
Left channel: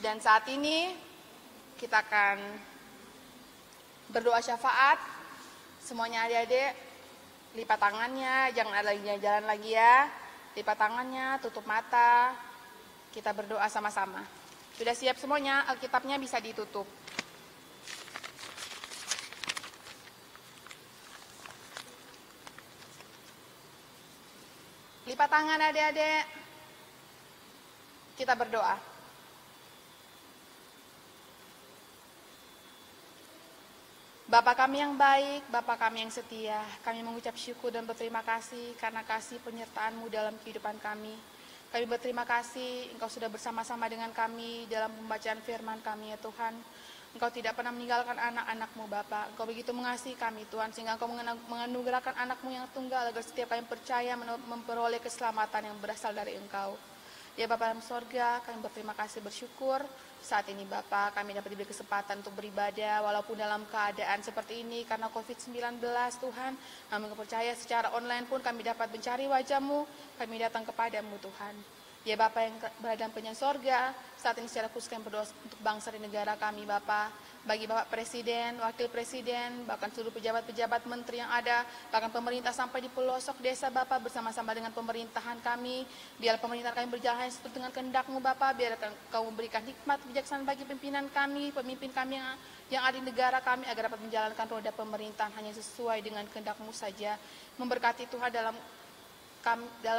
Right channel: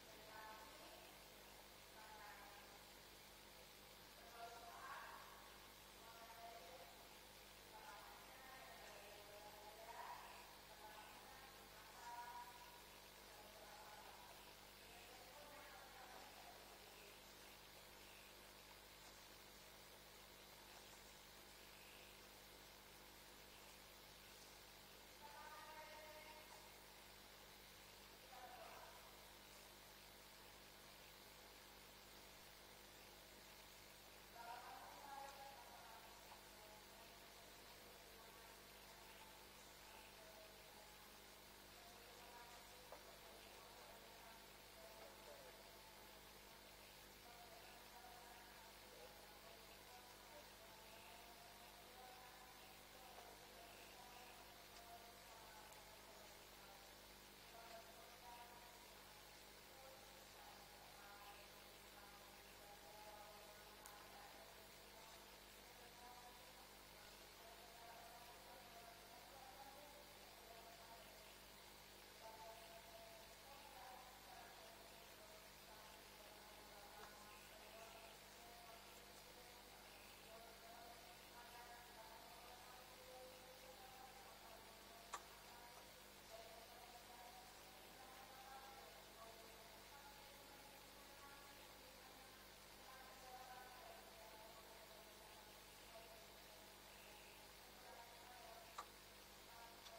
Dan saat ini kita akan berdoa syafaat. Semuanya adik-adik lipat tangannya, jangan ada lagi jalan lagi ya. Lipat tangannya, tutup mata. Kita berdoa sama-sama. Sudah siap semuanya? Alkitabnya bisa ditutup. Lipat tangan adik-adik. Kita berdoa. Bapa kami yang baik, Bapa kami yang setia, kami mengucap syukur dan berterima kasih karena kasih penyertaan-Mu dalam kehidupan kami. Kami berterima kasih Engkau sudah bersama-sama dengan kami dalam pembacaan firman kami ya Tuhan. Engkau tidak pernah meninggalkan anak-anak-Mu Bapa. Engkau begitu mengasihi kami Tuhan, sehingga Engkau menganugerahkan anak-Mu yang tunggal agar setiap kami percaya memperoleh keselamatan yang berasal dari Engkau. Ya Bapa dalam sorga, kami berterima kasih bersyukur. Saat ini Bapa, kami dapat diberi kesempatan untuk beribadah walaupun dalam keadaan seperti ini karena COVID-19 Tuhan. Kami percaya secara online pun kami dapat mencari wajah-Mu, kami datang kepadamu Tuhan. Ya Bapa yang berada dalam penjara sorga, saat ini secara khusus kami berdoa untuk bangsa dan negara kami Bapa. Bagi Bapak Presiden, Wakil Presiden, bahkan seluruh pejabat-pejabat menteri yang ada, bahkan pemerintah sampai di pelosok desa Bapak bersama-sama dengan pemerintahan kami. Biar pemerintahan kami berjalan sesuai dengan kehendak-Mu Bapak, biar Kau memberikan hikmat kebijaksanaan bagi pimpinan kami, pemimpin kami yang ada di negara kami agar dapat menjalankan roda pemerintahan hanya sesuai dengan kehendak-Mu saja. Memberkati Tuhan dalam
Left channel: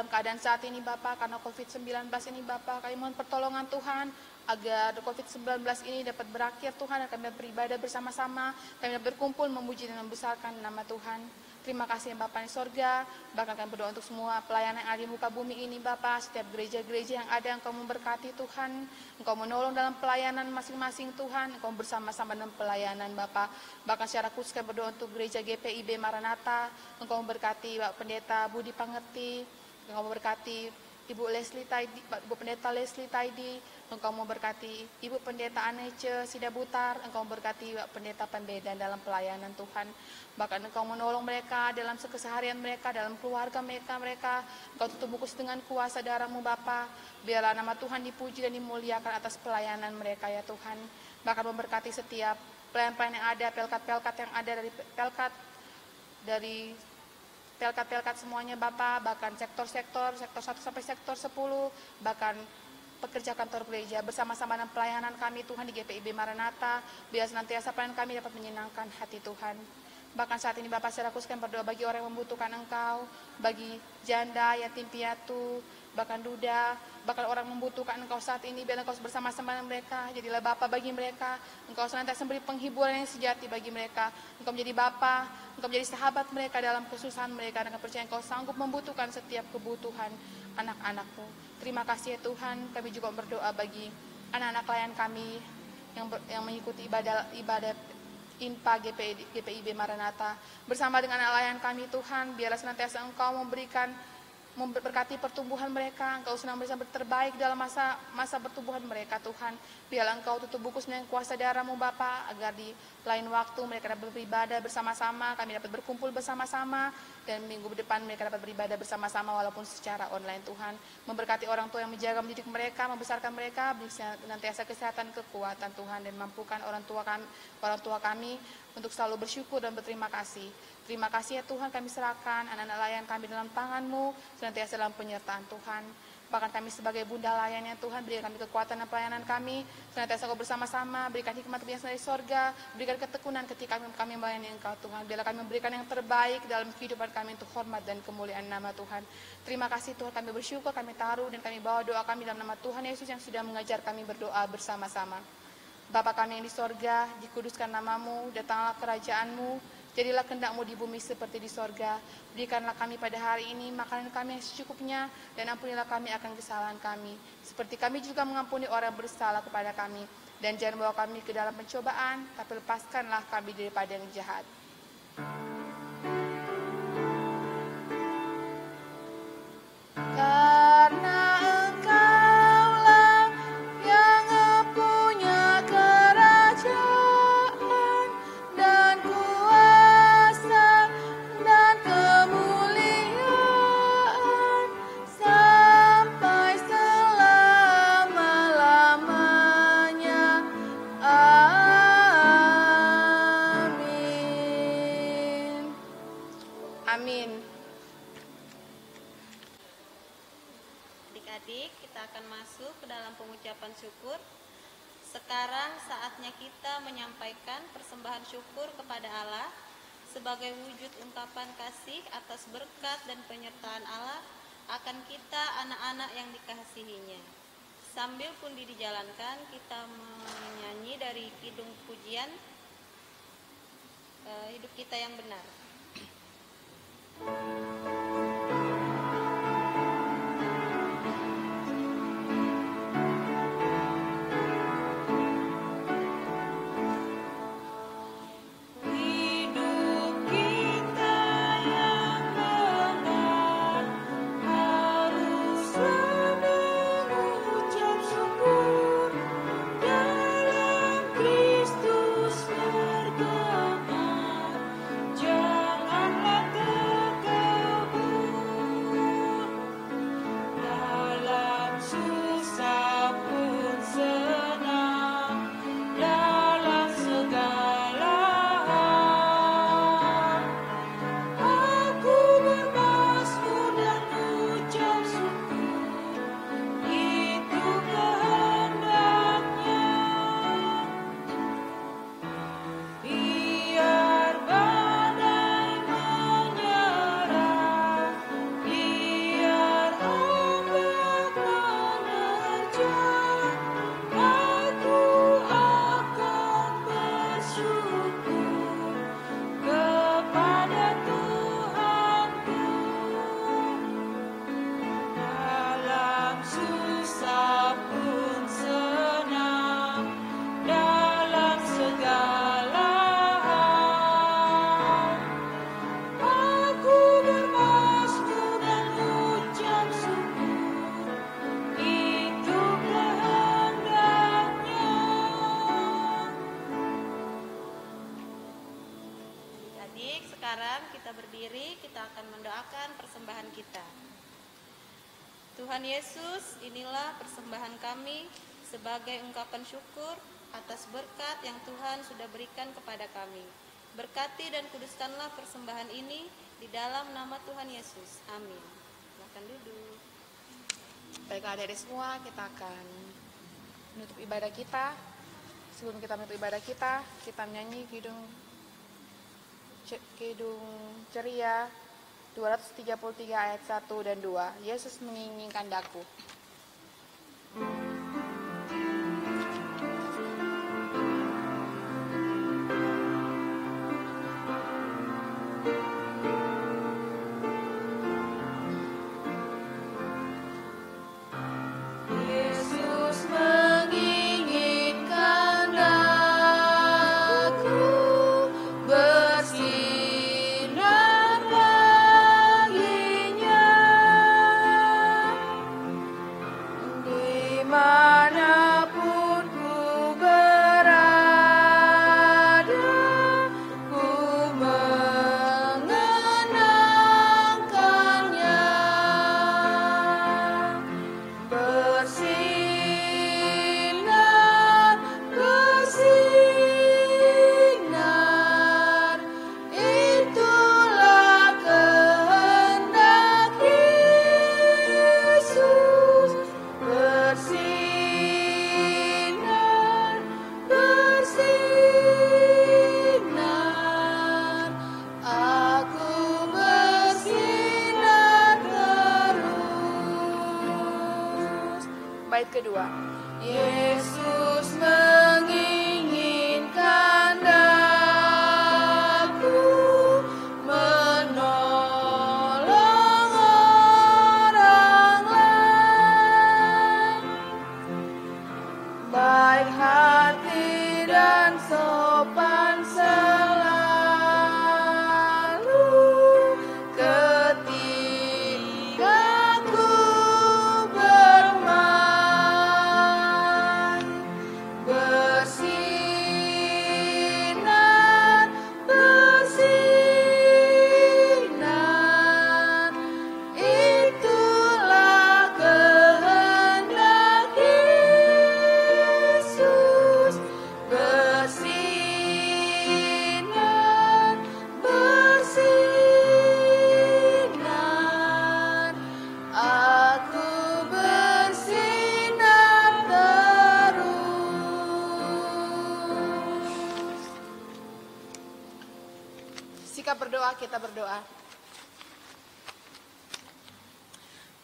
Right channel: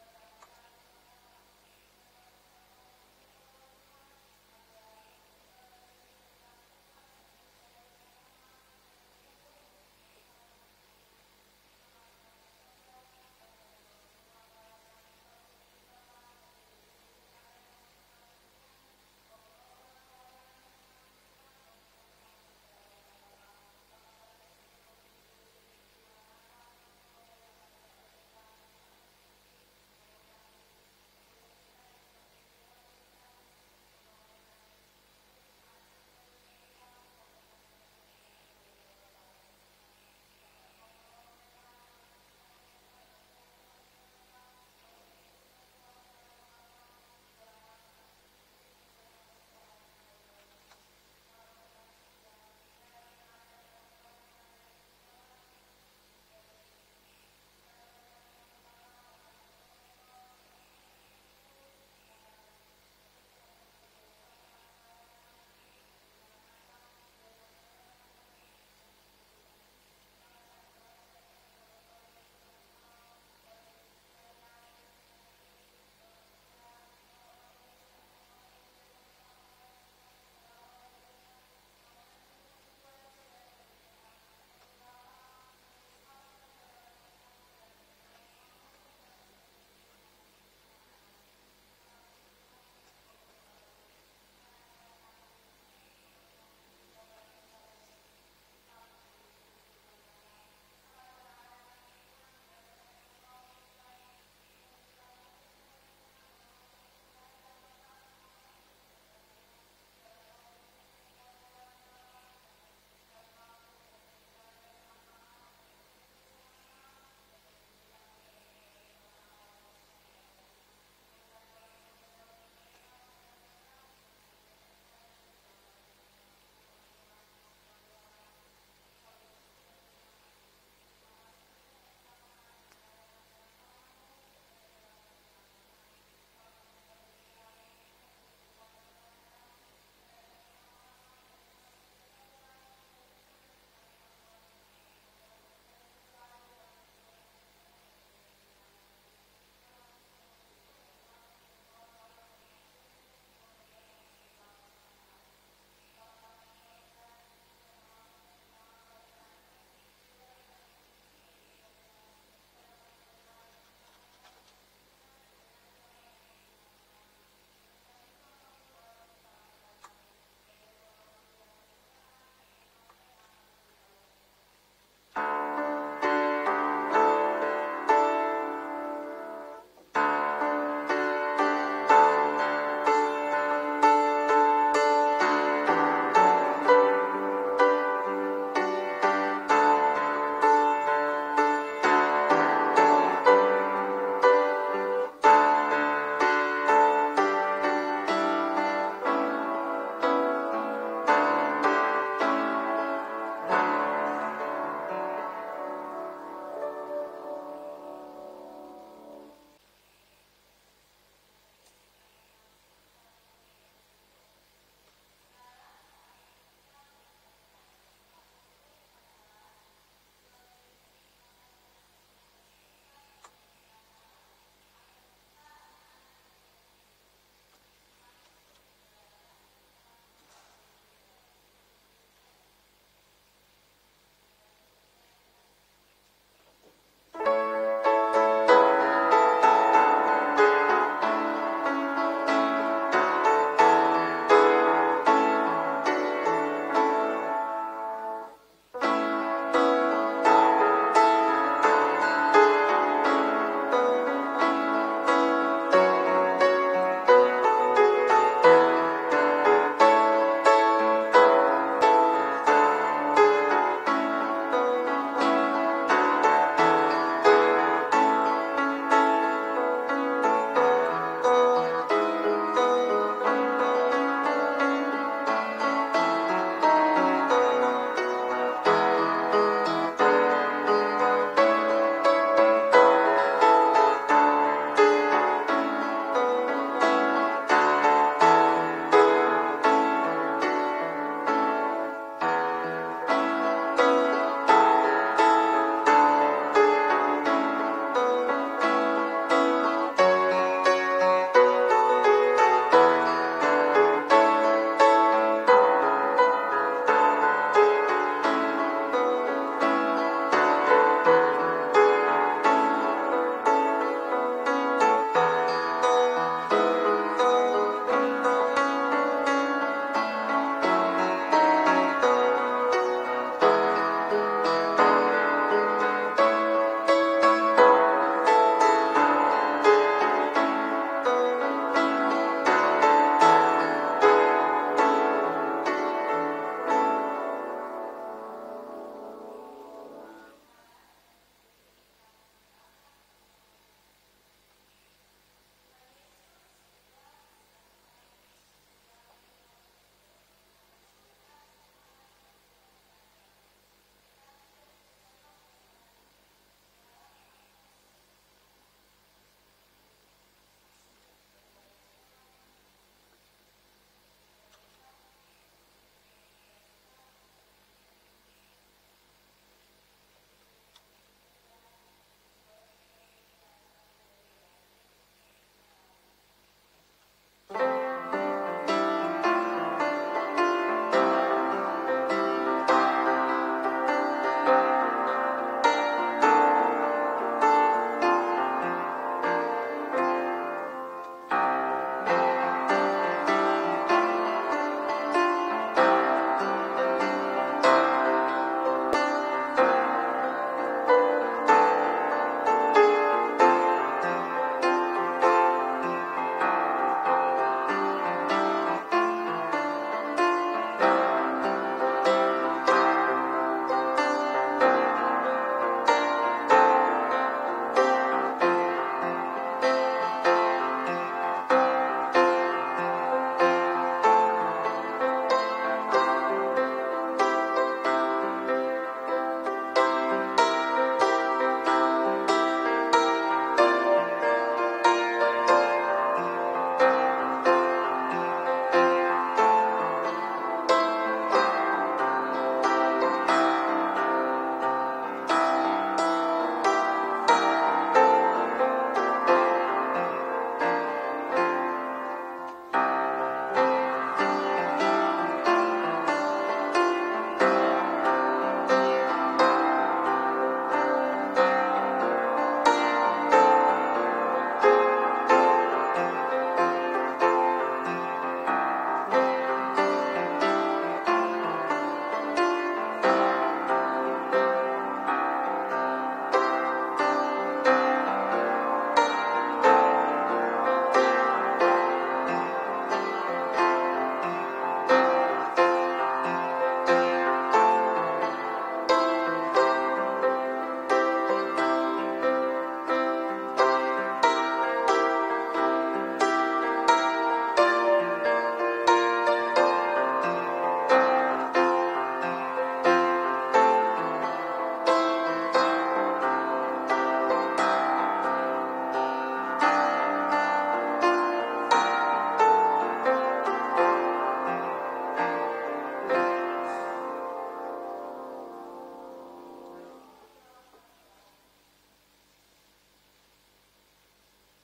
keadaan saat ini Bapak, karena COVID-19 ini Bapak, kami mohon pertolongan Tuhan agar COVID-19 ini dapat berakhir Tuhan, dan kami dapat beribadah bersama-sama, kami dapat berkumpul memuji dan membesarkan nama Tuhan. Terima kasih ya Bapak di sorga, bahkan kami berdoa untuk semua pelayanan yang ada di muka bumi ini Bapak, setiap gereja-gereja yang ada Engkau memberkati Tuhan, Engkau menolong dalam pelayanan masing-masing Tuhan, Engkau bersama-sama dalam pelayanan Bapak. Bahkan secara khusus kami berdoa untuk gereja GPIB Maranatha, Engkau memberkati Bapak Pendeta Budi Pangerti, Engkau memberkati Ibu Leslie Taidi, Ibu Pendeta Leslie Taidi, Engkau memberkati Ibu Pendeta Anece Sidabutar, Engkau memberkati Bapak Pendeta Pembedan dalam pelayanan Tuhan. Bahkan Engkau menolong mereka dalam keseharian mereka, dalam keluarga mereka. Engkau tutup bungkus dengan kuasa darah-Mu Bapa. Biarlah nama Tuhan dipuji dan dimuliakan atas pelayanan mereka ya Tuhan. Bahkan memberkati setiap pelayan-pelayan yang ada, pelkat-pelkat yang ada dari pelkat semuanya Bapak, bahkan sektor 1 sampai sektor 10, bahkan pekerja kantor gereja bersama-sama dengan pelayanan kami Tuhan di GPIB Maranatha, biar senantiasa pelayanan kami dapat menyenangkan hati Tuhan. Bahkan saat ini Bapak secara khusus kami berdoa bagi orang yang membutuhkan Engkau, bagi janda, yatim piatu, bahkan duda, bahkan orang membutuhkan Engkau saat ini, biar Engkau bersama-sama dengan mereka. Jadilah Bapa bagi mereka, Engkau senantiasa memberi penghiburan yang sejati bagi mereka. Engkau menjadi Bapa, Engkau menjadi sahabat mereka dalam kesusahan mereka, dan percaya Engkau sanggup membutuhkan setiap kebutuhan anak-anak-Mu. Terima kasih ya Tuhan. Kami juga berdoa bagi anak-anak klien kami yang mengikuti ibadah INPA GPIB Maranatha. Bersama dengan nelayan kami Tuhan, biarlah senantiasa Engkau memberkati pertumbuhan mereka. Engkau senantiasa terbaik dalam masa pertumbuhan mereka Tuhan. Biarlah Engkau tutup bungkus dengan kuasa darah-Mu Bapa, agar di lain waktu mereka dapat beribadah bersama-sama, kami dapat berkumpul bersama-sama, dan minggu depan mereka dapat beribadah bersama-sama walaupun secara online Tuhan. Memberkati orang tua yang menjaga mendidik mereka, membesarkan mereka, beri senantiasa kesehatan, kekuatan Tuhan, dan mampukan orang tua kami untuk selalu bersyukur dan berterima kasih. Terima kasih ya Tuhan, kami serahkan anak-anak layan kami dalam tangan-Mu, senantiasa dalam penyertaan Tuhan. Bahkan kami sebagai bunda layannya Tuhan, berikan kami kekuatan dan pelayanan kami, senantiasa Kau bersama-sama, berikan hikmat kebijaksanaan dari sorga, berikan ketekunan ketika kami melayani Engkau Tuhan. Biarlah kami memberikan yang terbaik dalam kehidupan kami untuk hormat dan kemuliaan nama Tuhan. Terima kasih Tuhan, kami bersyukur, kami taruh dan kami bawa doa kami dalam nama Tuhan Yesus yang sudah mengajar kami berdoa bersama-sama. Bapa kami yang di sorga, dikuduskan nama-Mu, datanglah kerajaan-Mu, jadilah kehendak-Mu di bumi seperti di sorga. Berikanlah kami pada hari ini makanan kami yang secukupnya, dan ampunilah kami akan kesalahan kami, seperti kami juga mengampuni orang yang bersalah kepada kami. Dan jangan bawa kami ke dalam pencobaan, tapi lepaskanlah kami daripada yang jahat. Sampai selama-lamanya. sekarang saatnya kita menyampaikan persembahan syukur kepada Allah sebagai wujud ungkapan kasih atas berkat dan penyertaan Allah akan kita anak-anak yang dikasihinya. Sambil pundi dijalankan, kita menyanyi dari kidung pujian Hidup Kita Yang Benar. Tuhan Yesus, inilah persembahan kami sebagai ungkapan syukur atas berkat yang Tuhan sudah berikan kepada kami. Berkati dan kuduskanlah persembahan ini di dalam nama Tuhan Yesus. Amin. Silakan duduk. Baiklah adik-adik semua, kita akan menutup ibadah kita. Sebelum kita menutup ibadah kita menyanyi kidung ceria 233 ayat 1 dan 2. Yesus menginginkan daku. Terima Sikap berdoa, kita berdoa.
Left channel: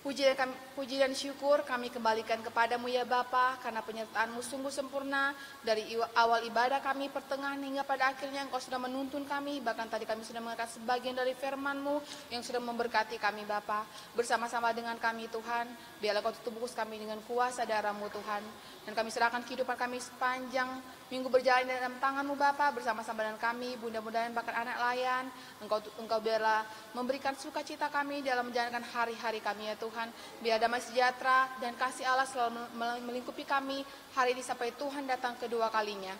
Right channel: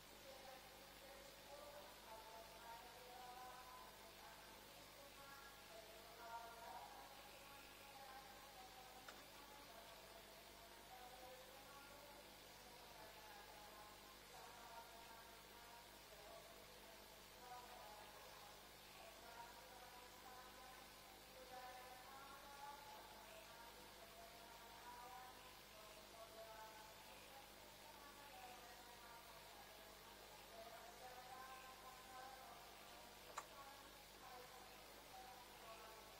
Puji dan syukur kami kembalikan kepadamu ya Bapa, karena penyertaan-Mu sungguh sempurna. Dari awal ibadah kami, pertengahan hingga pada akhirnya Engkau sudah menuntun kami. Bahkan tadi kami sudah mendengar sebagian dari firman-Mu yang sudah memberkati kami Bapa. Bersama-sama dengan kami Tuhan, biarlah Kau tutup bungkus kami dengan kuasa darah-Mu Tuhan. Dan kami serahkan kehidupan kami sepanjang minggu berjalan dalam tangan-Mu Bapa, bersama-sama dengan kami, bunda-bunda dan bahkan anak layan. Engkau biarlah memberikan sukacita kami dalam menjalankan hari-hari kami ya Tuhan. Biar damai sejahtera dan kasih Allah selalu melingkupi kami hari ini sampai Tuhan datang kedua kalinya.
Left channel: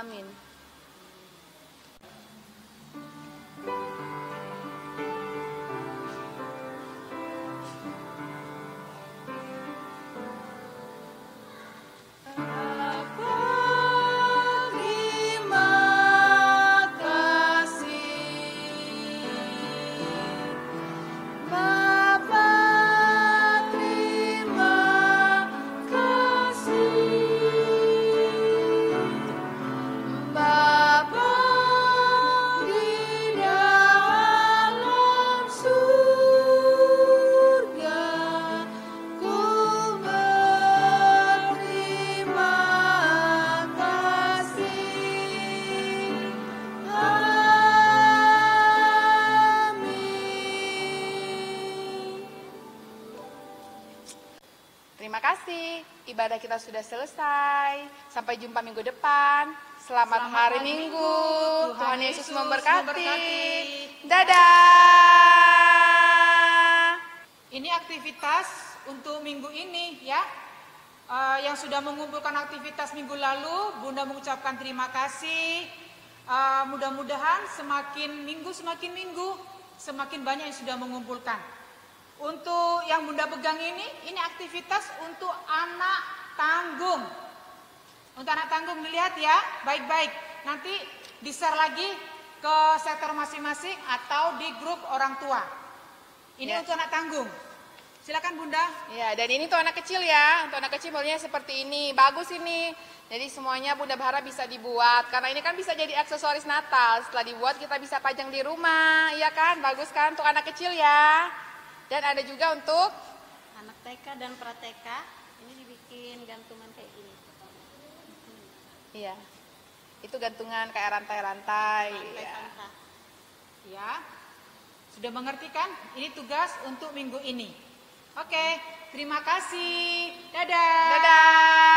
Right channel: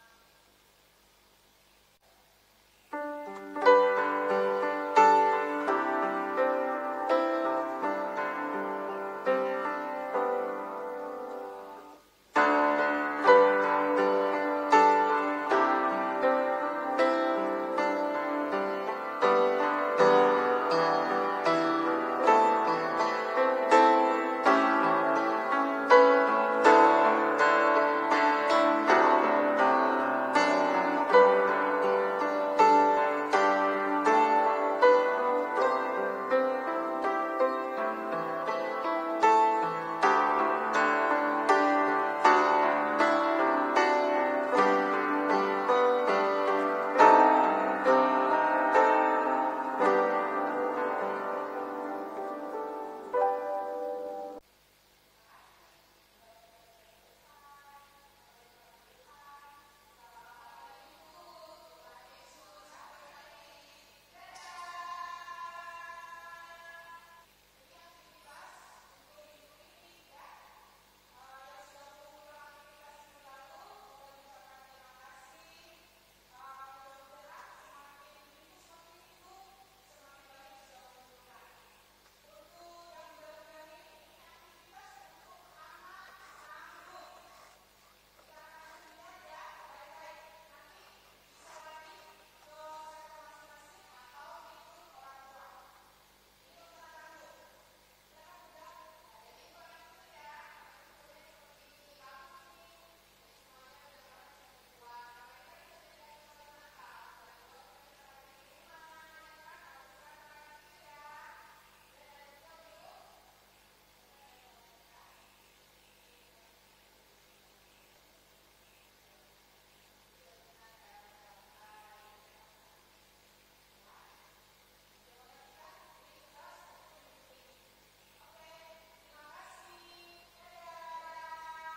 Amin. Terima kasih, ibadah kita sudah selesai. Sampai jumpa minggu depan. Selamat hari Minggu. Tuhan Yesus memberkati. Dadah. Ini aktivitas untuk minggu ini ya. Yang sudah mengumpulkan aktivitas minggu lalu, Bunda mengucapkan terima kasih. Mudah-mudahan semakin minggu semakin banyak yang sudah mengumpulkan. Untuk yang Bunda pegang ini aktivitas untuk anak tanggung. Untuk anak tanggung dilihat ya, baik-baik. Nanti di-share lagi ke sektor masing-masing atau di grup orang tua. Ini untuk anak tanggung. Silakan Bunda. Ya, dan ini tuh anak kecil ya. Untuk anak kecil modelnya seperti ini. Bagus ini. Jadi semuanya Bunda berharap bisa dibuat. Karena ini kan bisa jadi aksesoris Natal. Setelah dibuat kita bisa pajang di rumah. Iya kan? Bagus kan? Untuk anak kecil ya. Dan ada juga untuk Anak TK dan pra-TK, ini dibikin gantungan kayak gini. iya. Itu gantungan kayak rantai-rantai. Ya. Ya. Sudah mengerti kan? Ini tugas untuk minggu ini. Oke, terima kasih. Dadah. Dadah.